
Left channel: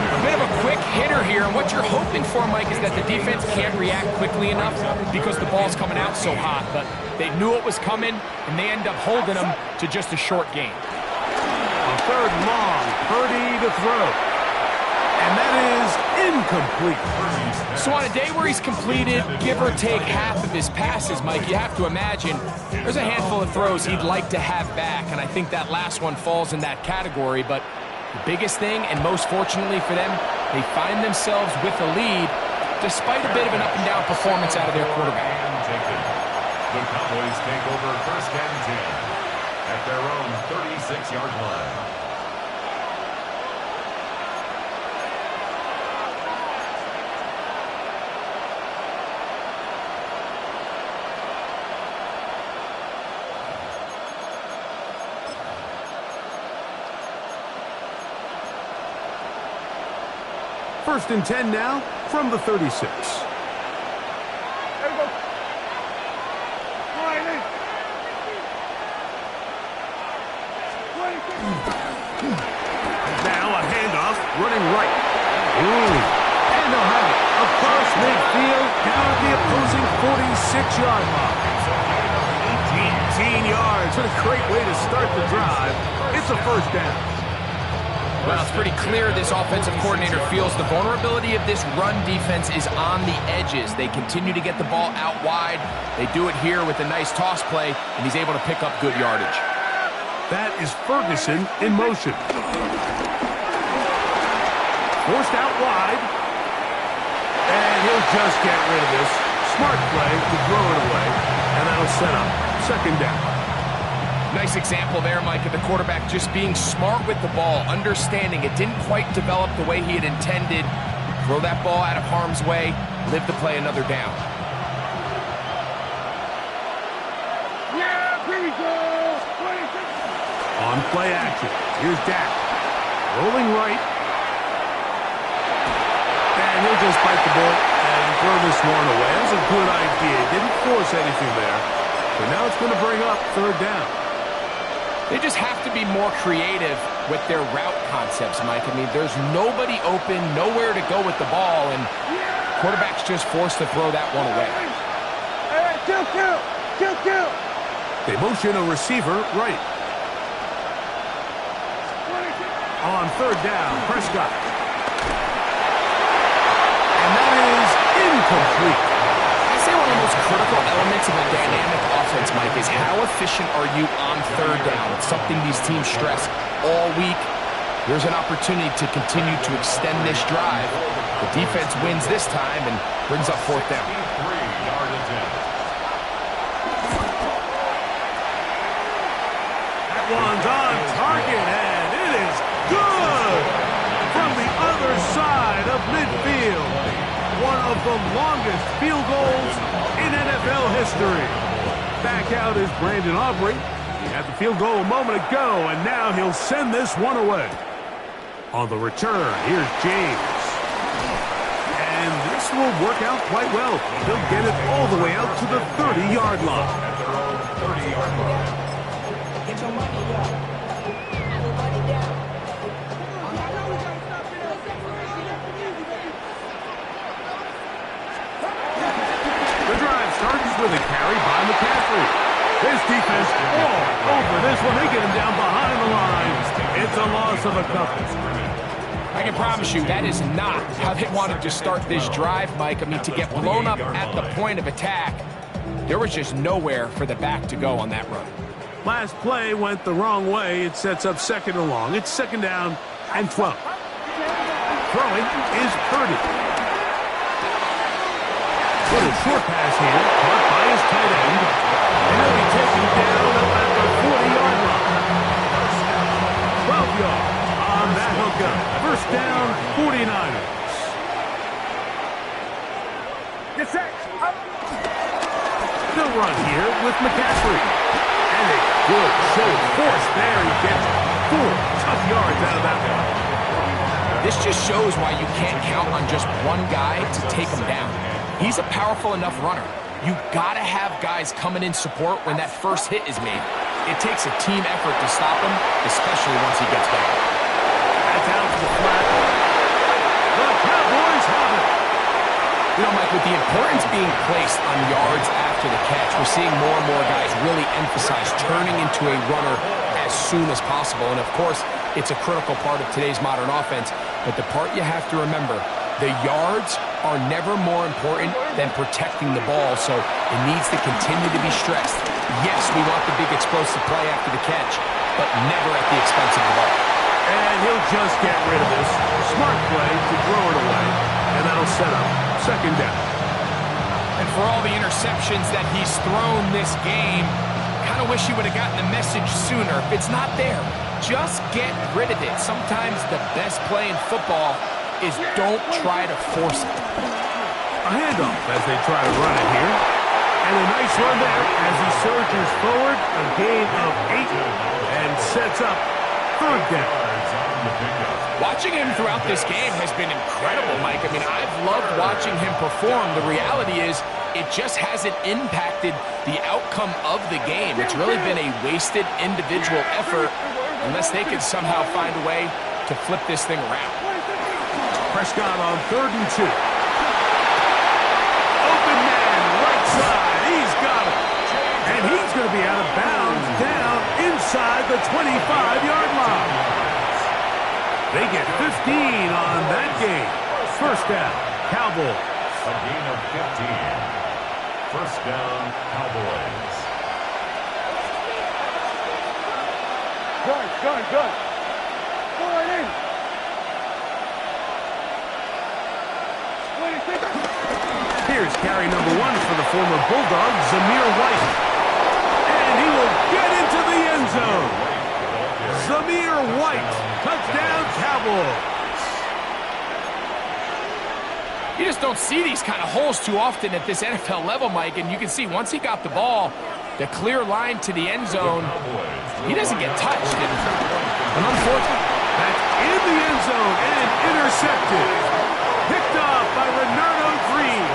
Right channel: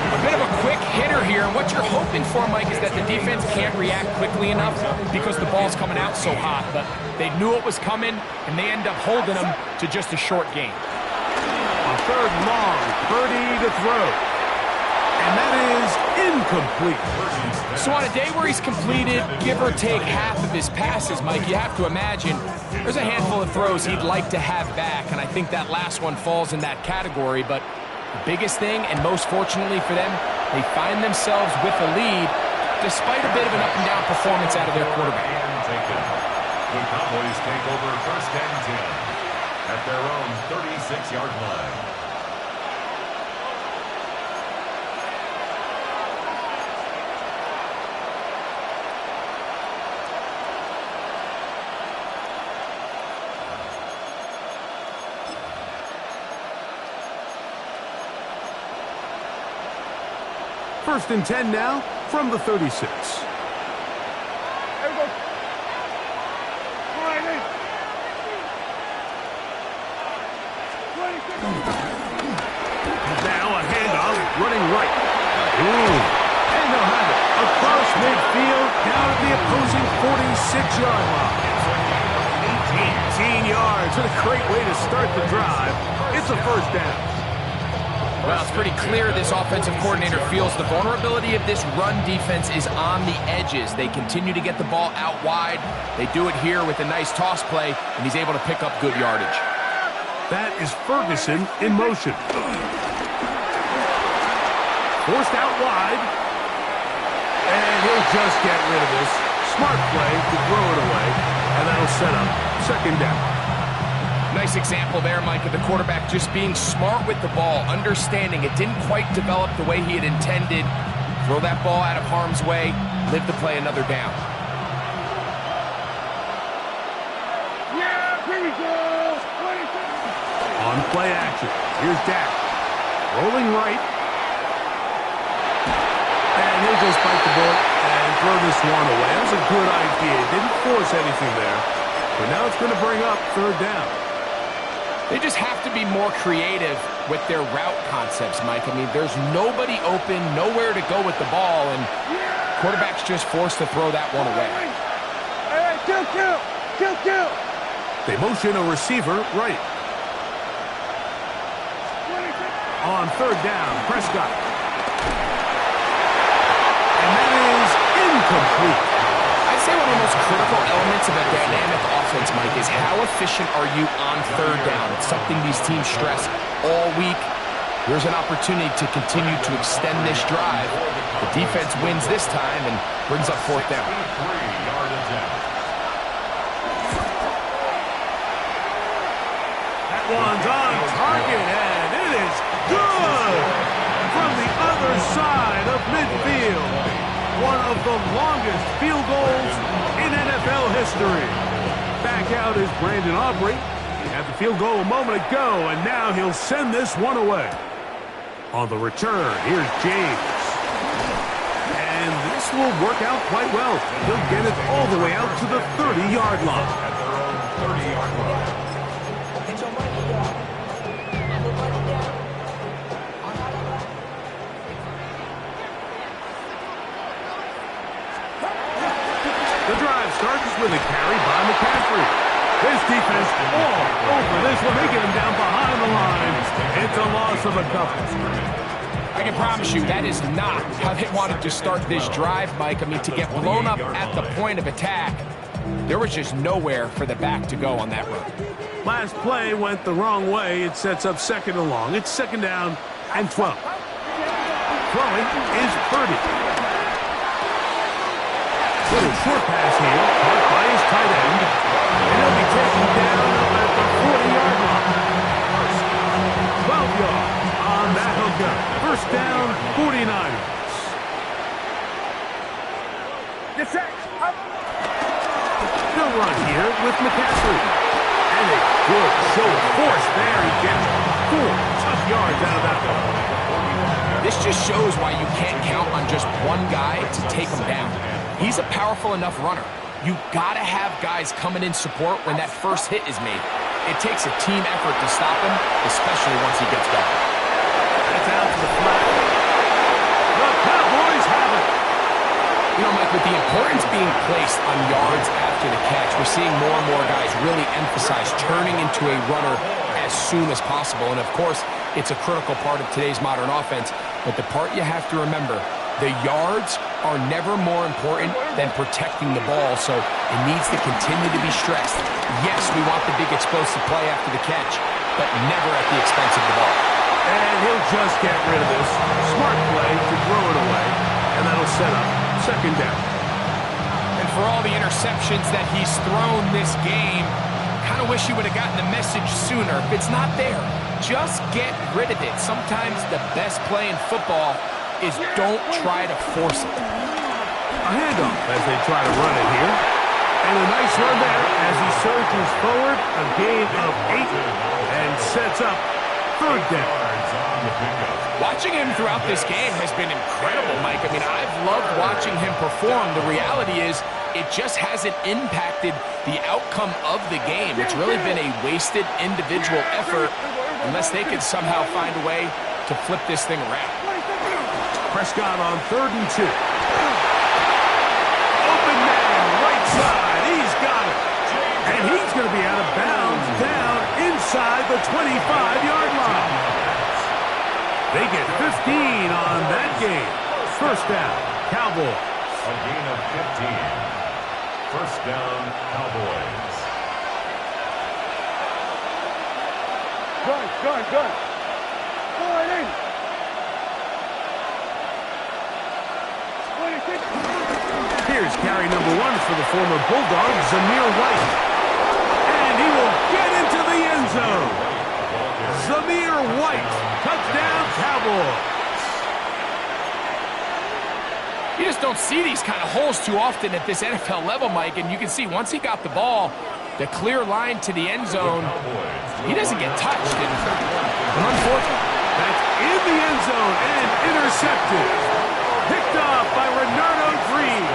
A bit of a quick hitter here, and what you're hoping for, Mike, is that the defense can't react quickly enough because the ball's coming out so hot. But they knew it was coming, and they end up holding them to just a short gain. On third and long, Purdy to throw. And that is incomplete. So on a day where he's completed, give or take half of his passes, Mike, you have to imagine there's a handful of throws he'd like to have back, and I think that last one falls in that category. But the biggest thing, and most fortunately for them, they find themselves with a lead despite a bit of an up-and-down performance out of their quarterback. The Cowboys take over first and 10 at their own 36-yard line. First and 10 now from the 36. There we go. Now a handoff running right. And they'll have it across midfield down at the opposing 46-yard line. 18 yards. What a great way to start the drive. It's a first down. Well, it's pretty clear this offensive coordinator feels the vulnerability of this run defense is on the edges. They continue to get the ball out wide. They do it here with a nice toss play, and he's able to pick up good yardage. That is Ferguson in motion. Forced out wide. And he'll just get rid of this. Smart play to throw it away, and that'll set up second down. Nice example there, Mike, of the quarterback just being smart with the ball, understanding it didn't quite develop the way he had intended. Throw that ball out of harm's way, live to play another down. Yeah, here we go. 26. On play action, here's Dak. Rolling right. And he'll just bite the bullet and throw this one away. That was a good idea. Didn't force anything there. But now it's going to bring up third down. They just have to be more creative with their route concepts, Mike. I mean, there's nobody open, nowhere to go with the ball, and quarterback's just forced to throw that one away. All right, kill. They motion a receiver right. 26. On third down, Prescott. And that is incomplete. I say one of the most critical elements of a dynamic offense, Mike, is how efficient are you on third down? It's something these teams stress all week. Here's an opportunity to continue to extend this drive. The defense wins this time and brings up fourth down. That one's on target, and it is good from the other side of midfield. One of the longest field goals in NFL history. Back out is Brandon Aubrey. He had the field goal a moment ago, and now he'll send this one away. On the return, here's James. And this will work out quite well. He'll get it all the way out to the 30-yard line. At their own 30-yard line. Get your money up. Put money down. The drive starts with a carry by McCaffrey. This defense all over this one. They get him down behind the line. It's a loss of a couple. I can promise you that is not how they wanted to start this drive, Mike. I mean, to get blown up at the point of attack, there was just nowhere for the back to go on that run. Last play went the wrong way. It sets up second and long. It's second down and 12. Throwing is Purdy. Little short pass here, caught by his tight end, and he'll be taken down up at the 40-yard line. 12 yards on that hookup. First down, 49ers. Get set. They'll run here with McCaffrey. And a good show of force there. He gets 4 tough yards out of that one. This just shows why you can't count on just one guy to take him down. He's a powerful enough runner. You gotta have guys coming in support when that first hit is made. It takes a team effort to stop him, especially once he gets going. That's out to the flat. The Cowboys have it. You know, Mike, with the importance being placed on yards after the catch, we're seeing more and more guys really emphasize turning into a runner as soon as possible. And, of course, it's a critical part of today's modern offense. But the part you have to remember, the yards are never more important than protecting the ball, so it needs to continue to be stressed. Yes, we want the big explosive play after the catch, but never at the expense of the ball. And he'll just get rid of this. Smart play to throw it away, and that'll set up second down. And for all the interceptions that he's thrown this game, kind of wish he would have gotten the message sooner. If it's not there, just get rid of it. Sometimes the best play in football is don't try to force it. A handoff as they try to run it here. And a nice run there as he surges forward. A gain of 8 and sets up third down. Watching him throughout this game has been incredible, Mike. I mean, I've loved watching him perform. The reality is it just hasn't impacted the outcome of the game. It's really been a wasted individual effort unless they can somehow find a way to flip this thing around. Prescott on 3rd and 2. Open man, right side. He's got it. And he's going to be out of bounds down inside the 25-yard line. They get 15 on that game. First down, Cowboys. A gain of 15. First down, Cowboys. Gun. Go right in. Here's carry number 1 for the former Bulldog, Zamir White. And he will get into the end zone. Zamir White, touchdown Cowboys. You just don't see these kind of holes too often at this NFL level, Mike. And you can see once he got the ball, the clear line to the end zone, he doesn't get touched. And unfortunately, that's in the end zone and intercepted. Picked off by Renardo Green.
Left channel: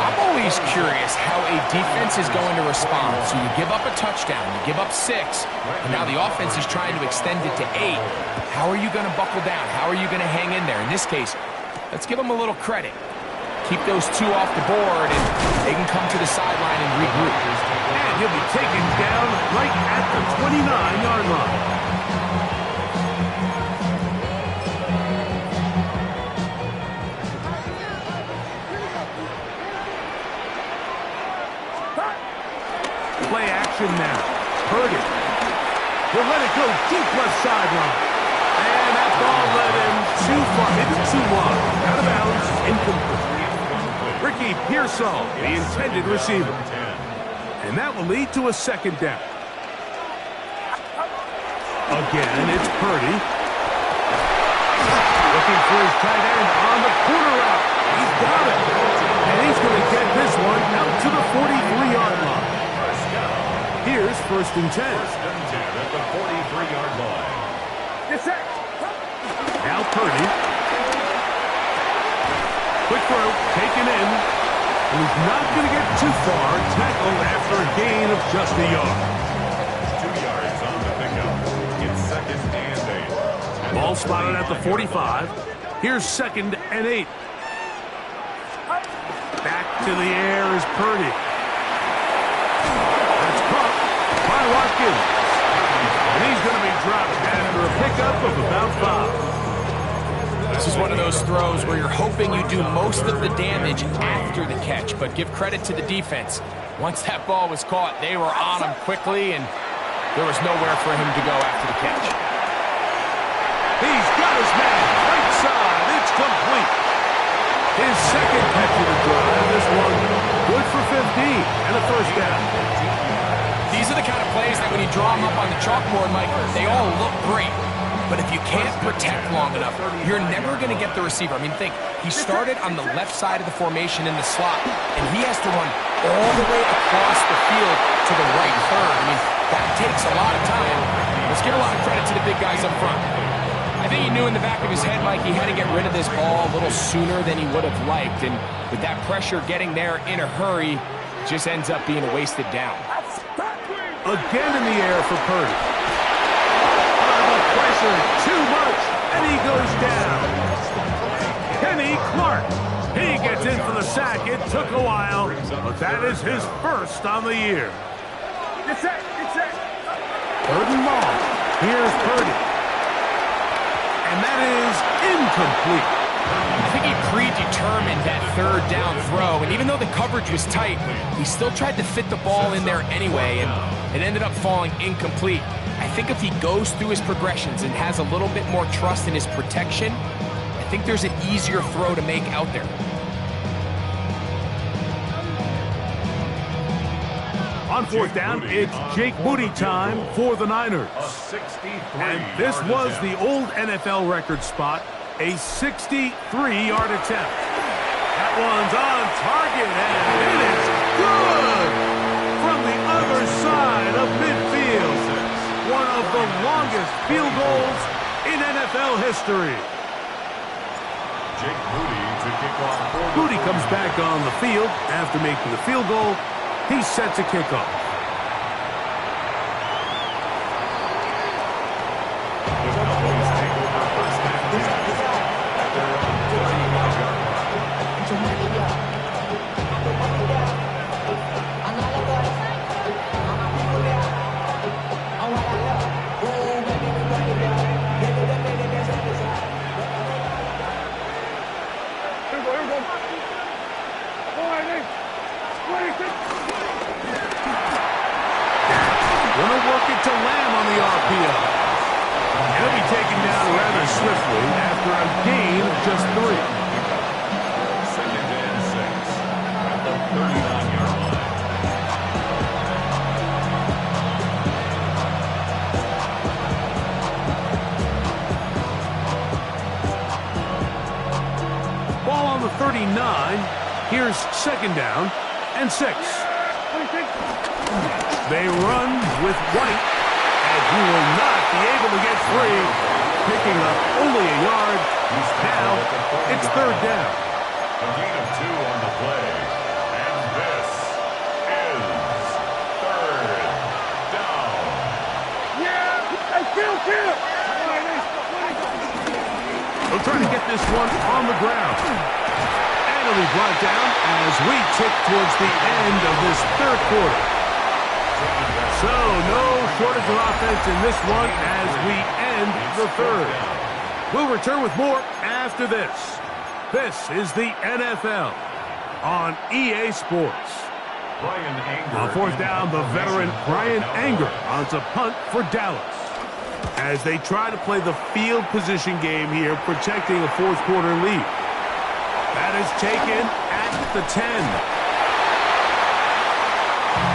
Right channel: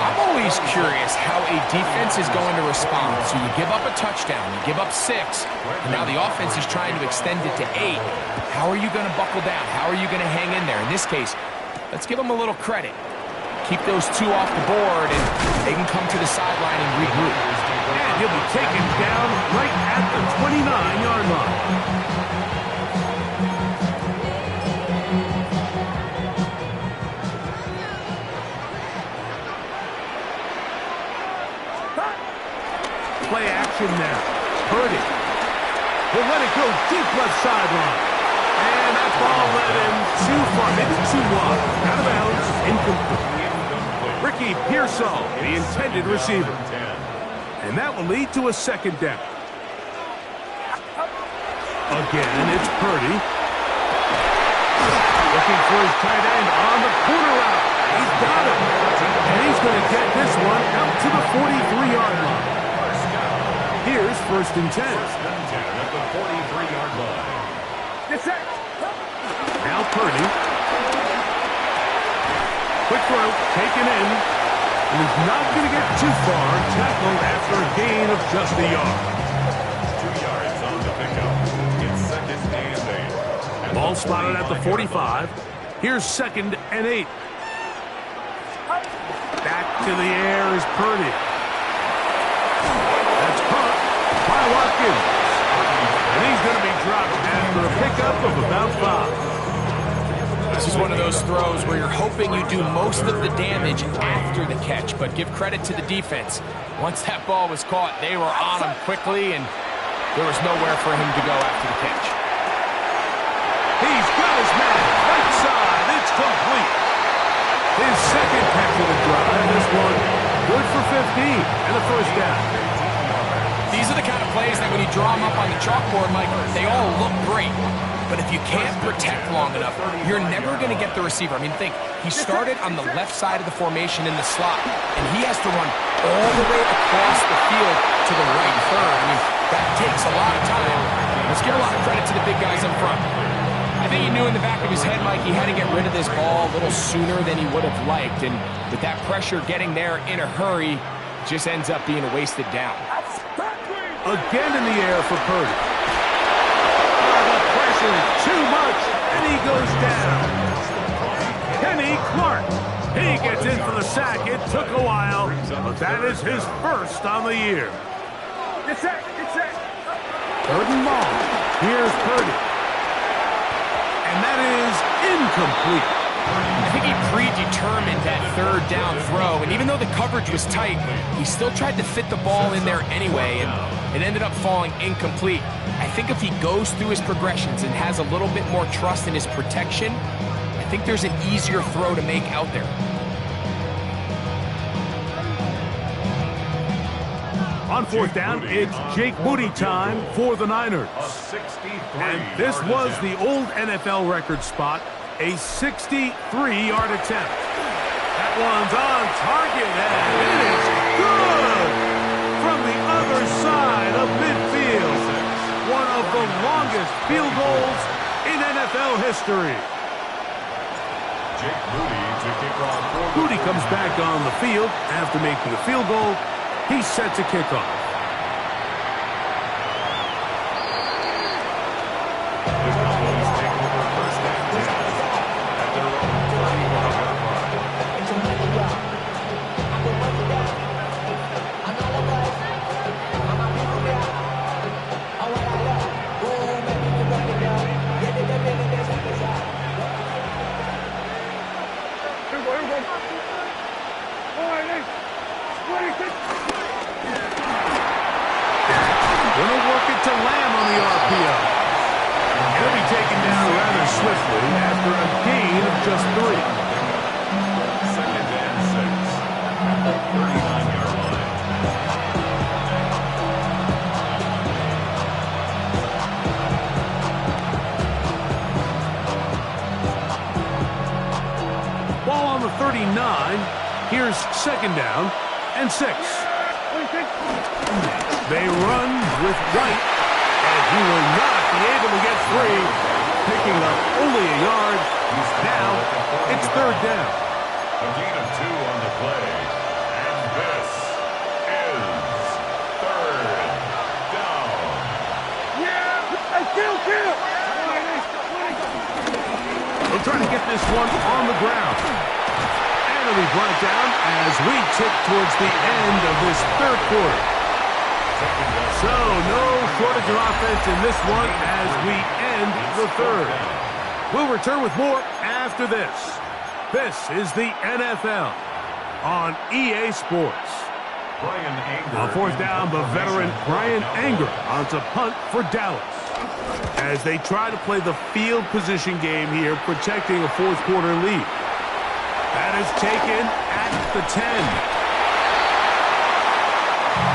I'm always curious how a defense is going to respond. So you give up a touchdown, you give up 6, and now the offense is trying to extend it to 8. How are you going to buckle down? How are you going to hang in there? In this case, let's give them a little credit. Keep those 2 off the board, and they can come to the sideline and regroup. And he'll be taken down right at the 29-yard line. possession now. Purdy. He'll let it go deep left sideline. And that ball led him too far, maybe too wide. Out of bounds, incomplete. Ricky Pearsall, the intended receiver. And that will lead to a second down. Again, it's Purdy. Looking for his tight end on the corner route. He's got it. And he's going to get this one out to the 43-yard line. Here's 1st and 10. 1st and 10 at the 43-yard line. Now Purdy. Quick throw, taken in. And he's not going to get too far. Tackled after a gain of just a yard. 2 yards on the pickup. It's 2nd and 8. Ball spotted at the 45. Here's 2nd and 8. Back to the air is Purdy. That's caught by Watkins. And he's going to be dropped after a pickup of about 5. This is one of those throws where you're hoping you do most of the damage after the catch, but give credit to the defense. Once that ball was caught, they were on him quickly, and there was nowhere for him to go after the catch. He's got his man right side. It's complete. His second catch of the drive. This one good for 15 and a 1st down. These are the kind of plays that when you draw them up on the chalkboard, Mike, they all look great. But if you can't protect long enough, you're never going to get the receiver. I mean, think, he started on the left side of the formation in the slot, and he has to run all the way across the field to the right third. I mean, that takes a lot of time. Let's give a lot of credit to the big guys up front. I think he knew in the back of his head, Mike, he had to get rid of this ball a little sooner than he would have liked. And with that pressure getting there in a hurry, just ends up being a wasted down. Again in the air for Purdy. The pressure too much, and he goes down. Kenny Clark. He gets in for the sack. It took a while, but that is his 1st on the year. Get set. 3rd and long. Here's Purdy. And that is incomplete. I think he predetermined that 3rd down throw, and even though the coverage was tight, he still tried to fit the ball in there anyway, and it ended up falling incomplete. I think if he goes through his progressions and has a little bit more trust in his protection, I think there's an easier throw to make out there. On 4th down, it's Jake Moody time for the Niners. And this was the old NFL record spot, a 63-yard attempt. That one's on target, and it is good from the other side of midfield. One of the longest field goals in NFL history. Jake Moody to kick off. Moody comes back on the field after making the field goal. He's set to kick off. The Cowboys take over 1st and 10 at their own 35-yard line. Gonna work it to Lamb on the RPO. He'll be taken down rather swiftly after a gain of just 3. 2nd and 6 at the 39-yard line. Ball on the 39. Here's 2nd down and 6. They run with White, and he will not be able to get free, picking up only a yard. Now it's 3rd down. A gain of 2 on the play, and this is 3rd down. Kill! They'll try to get this one on the ground. And it'll be brought down as we tick towards the end of this 3rd quarter. So, no shortage of offense in this one as we end the 3rd. We'll return with more after this. This is the NFL on EA Sports. On fourth down, the veteran Brian Anger on to punt for Dallas. As they try to play the field position game here, protecting a fourth quarter lead. That is taken at the 10.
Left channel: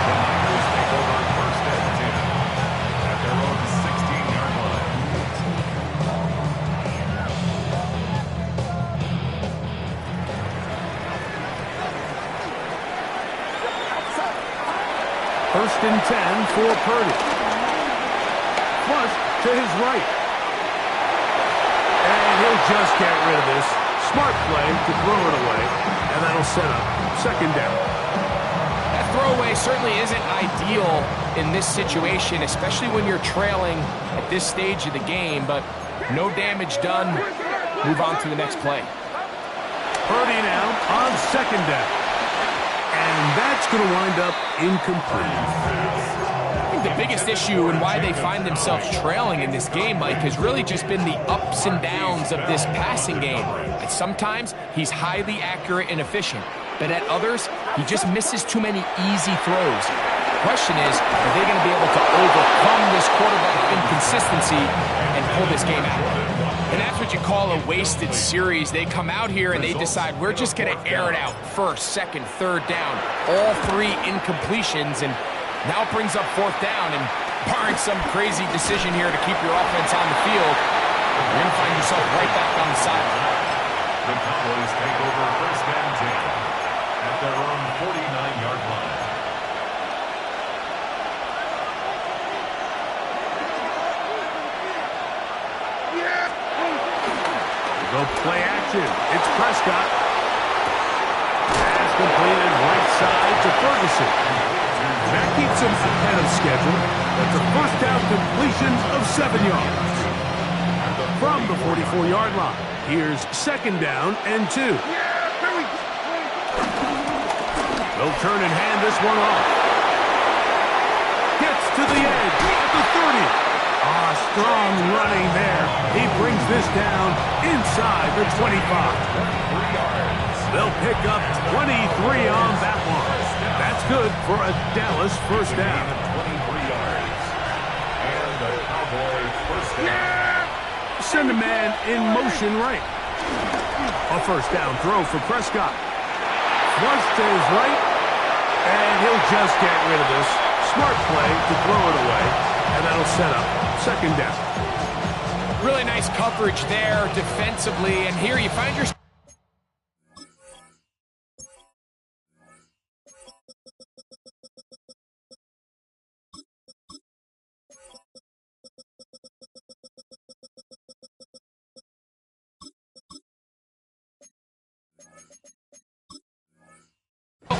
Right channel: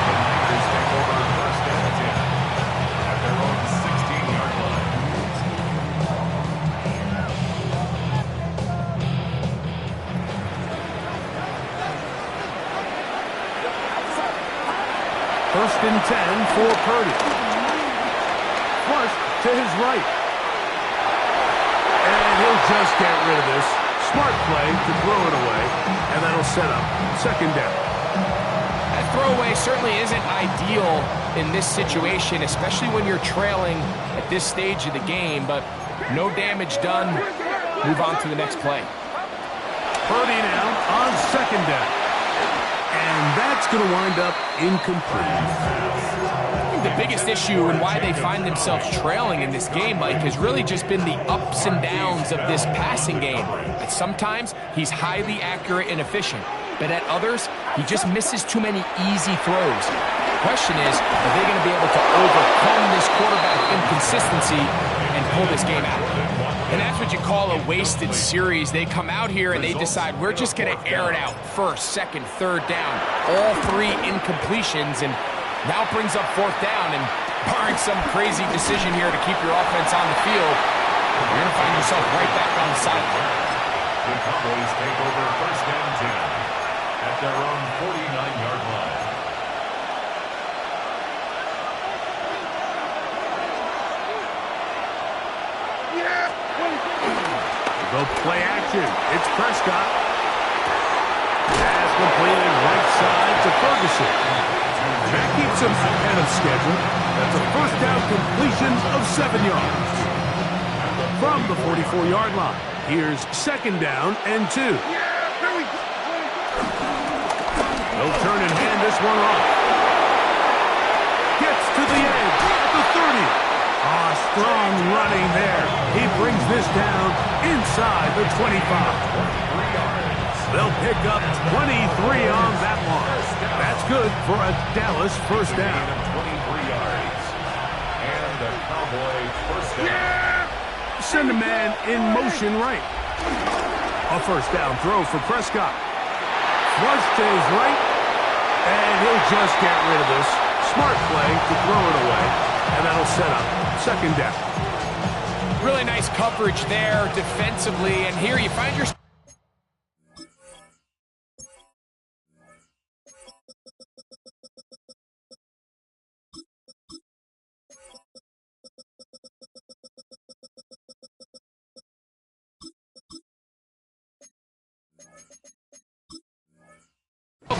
The Niners take over first and 10 at their own 16-yard line. First and 10 for Purdy. Flush to his right. And he'll just get rid of this. Smart play to throw it away, and that'll set up second down. That throwaway certainly isn't ideal in this situation, especially when you're trailing at this stage of the game, but no damage done. Move on to the next play. Purdy now on second down. And that's going to wind up incomplete. The biggest issue and why they find themselves trailing in this game, Mike, has really just been the ups and downs of this passing game. At sometimes, he's highly accurate and efficient, but at others, he just misses too many easy throws. The question is, are they going to be able to overcome this quarterback inconsistency and pull this game out? And that's what you call a wasted series. They come out here and they decide, we're just going to air it out. First, second, third down, all three incompletions, and now it brings up fourth down, and barring some crazy decision here to keep your offense on the field, you're going to find yourself right back on the sideline. The Cowboys take over first and 10 at their own 49-yard line. Go play action. It's Prescott. Pass completed right side to Ferguson. And that keeps him ahead of schedule. That's a first down completion of 7 yards. From the 44-yard line, here's second down and 2. They'll turn and hand this one off. Gets to the edge at the 30. Strong running there. He brings this down inside the 25. 23 yards. They'll pick up 23 on that one. That's good for a Dallas first down. 23 yards. And a Cowboy first down. Send a man in motion right. A first down throw for Prescott. Flush to his right. And he'll just get rid of this. Smart play to throw it away. And that'll set up second down. Really nice coverage there defensively. And here you find yourself.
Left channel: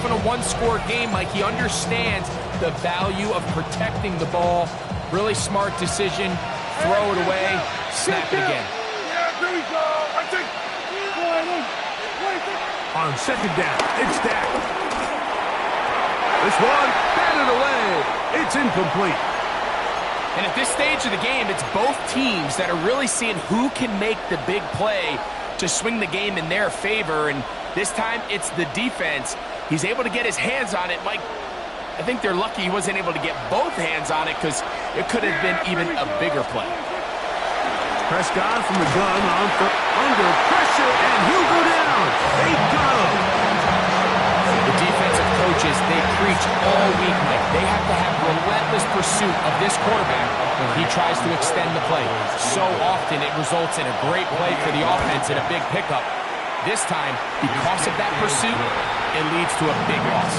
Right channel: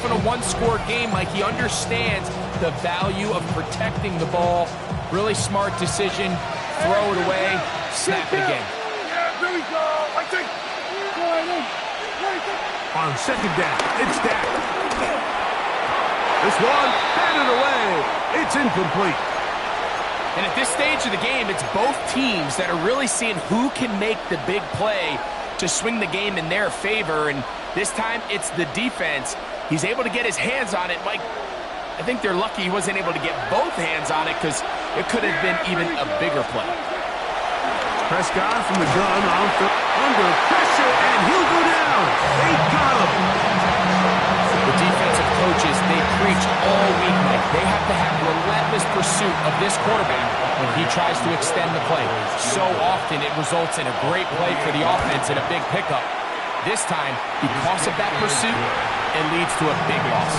In a one-score game, Mike, he understands the value of protecting the ball. Really smart decision. Throw it away. Snap it again. Yeah, there we go. I think. On second down, it's Dak. This one, batted away. It's incomplete. And at this stage of the game, it's both teams that are really seeing who can make the big play to swing the game in their favor. And this time, it's the defense. He's able to get his hands on it. Mike, I think they're lucky he wasn't able to get both hands on it because it could have been even a bigger play. Prescott from the gun under pressure, and he'll go down. They got him. The defensive coaches, they preach all week, Mike. They have to have relentless pursuit of this quarterback when he tries to extend the play. So often it results in a great play for the offense and a big pickup. This time, because of that pursuit, it leads to a big loss.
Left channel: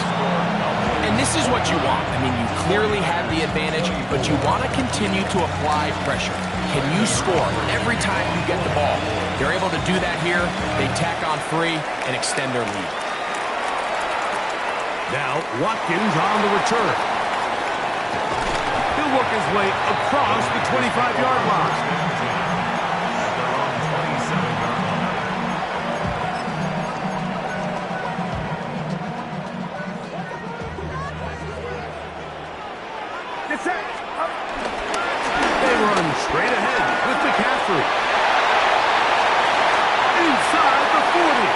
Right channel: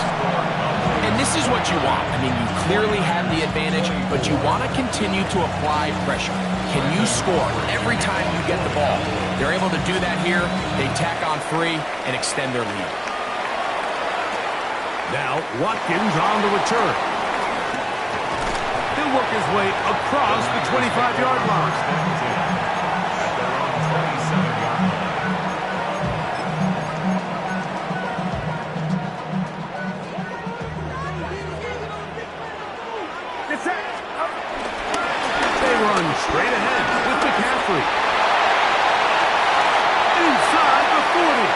And this is what you want. I mean, you clearly have the advantage, but you want to continue to apply pressure. Can you score every time you get the ball? They're able to do that here. They tack on 3 and extend their lead. Now, Watkins on the return. He'll work his way across the 25-yard line. At their own 27-yard line. They run straight ahead with McCaffrey. Inside the 40.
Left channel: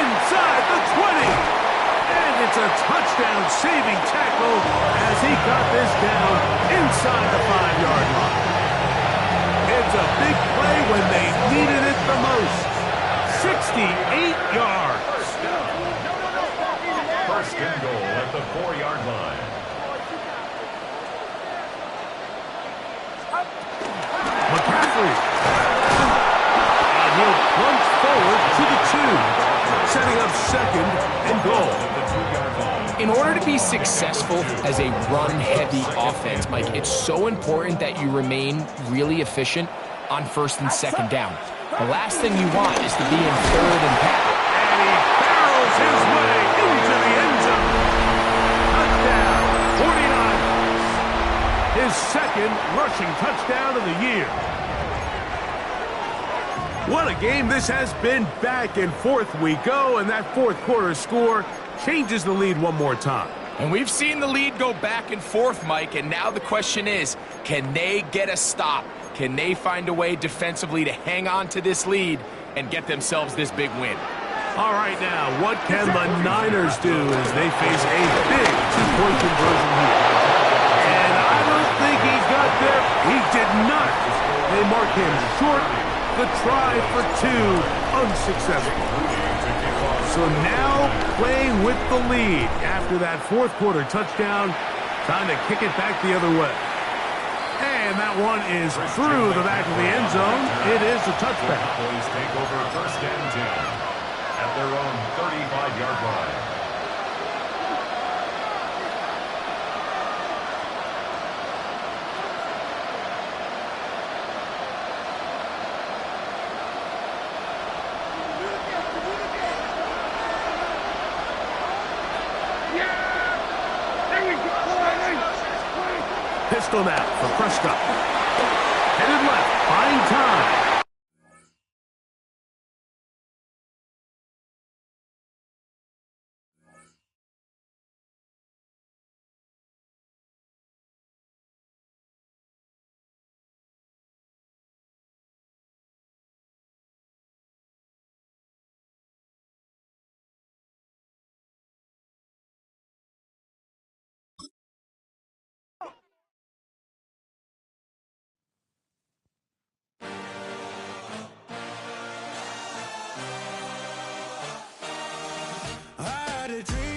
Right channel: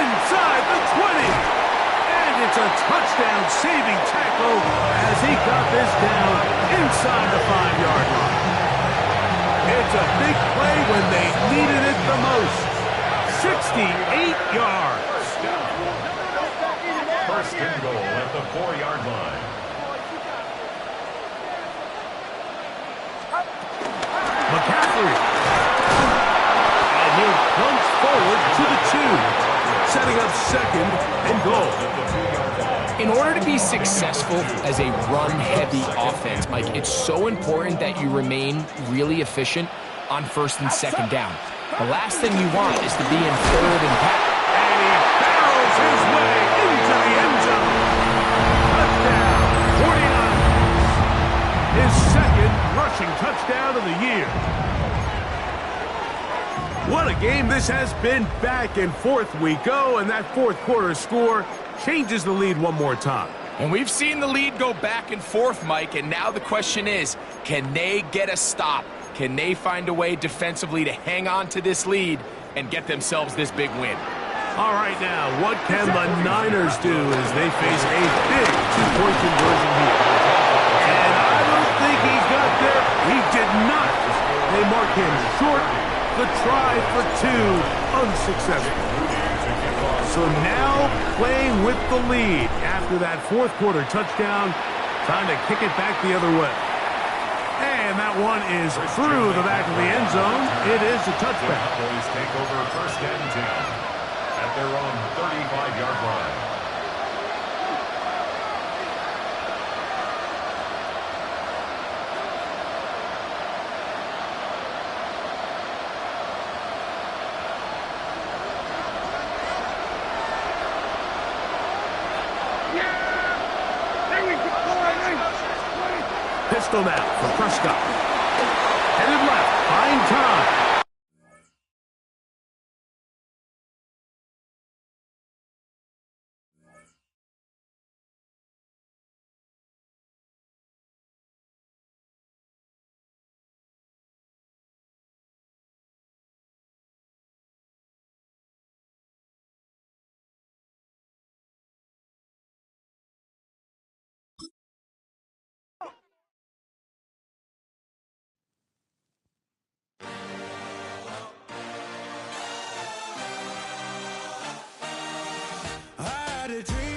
Inside the 20. And it's a touchdown-saving tackle as he got this down inside the 5-yard line. It's a big play when they needed it the most. 68 yards. First and goal at the 4-yard line. McCaffrey. And he'll plunge forward to the 2, setting up second and goal. In order to be successful as a run-heavy offense, Mike, it's so important that you remain really efficient on first and second down. The last thing you want is to be in third and pass. And he barrels his way into the end zone. Touchdown, 49ers. His second rushing touchdown of the year. What a game this has been. Back and forth we go, and that fourth quarter score changes the lead one more time. And we've seen the lead go back and forth, Mike, and now the question is, can they get a stop? Can they find a way defensively to hang on to this lead and get themselves this big win? All right, now, what can the Niners do as they face a big two-point conversion here? And I don't think he got there. He did not. They mark him short. The try for 2, unsuccessful. So now playing with the lead after that fourth quarter touchdown, trying to kick it back the other way. And that one is through the back of the end zone. It is a touchback. The Cowboys take over first and 10 at their own 35-yard line. Pistol now for Prescott. Headed left, buying time. I had a dream.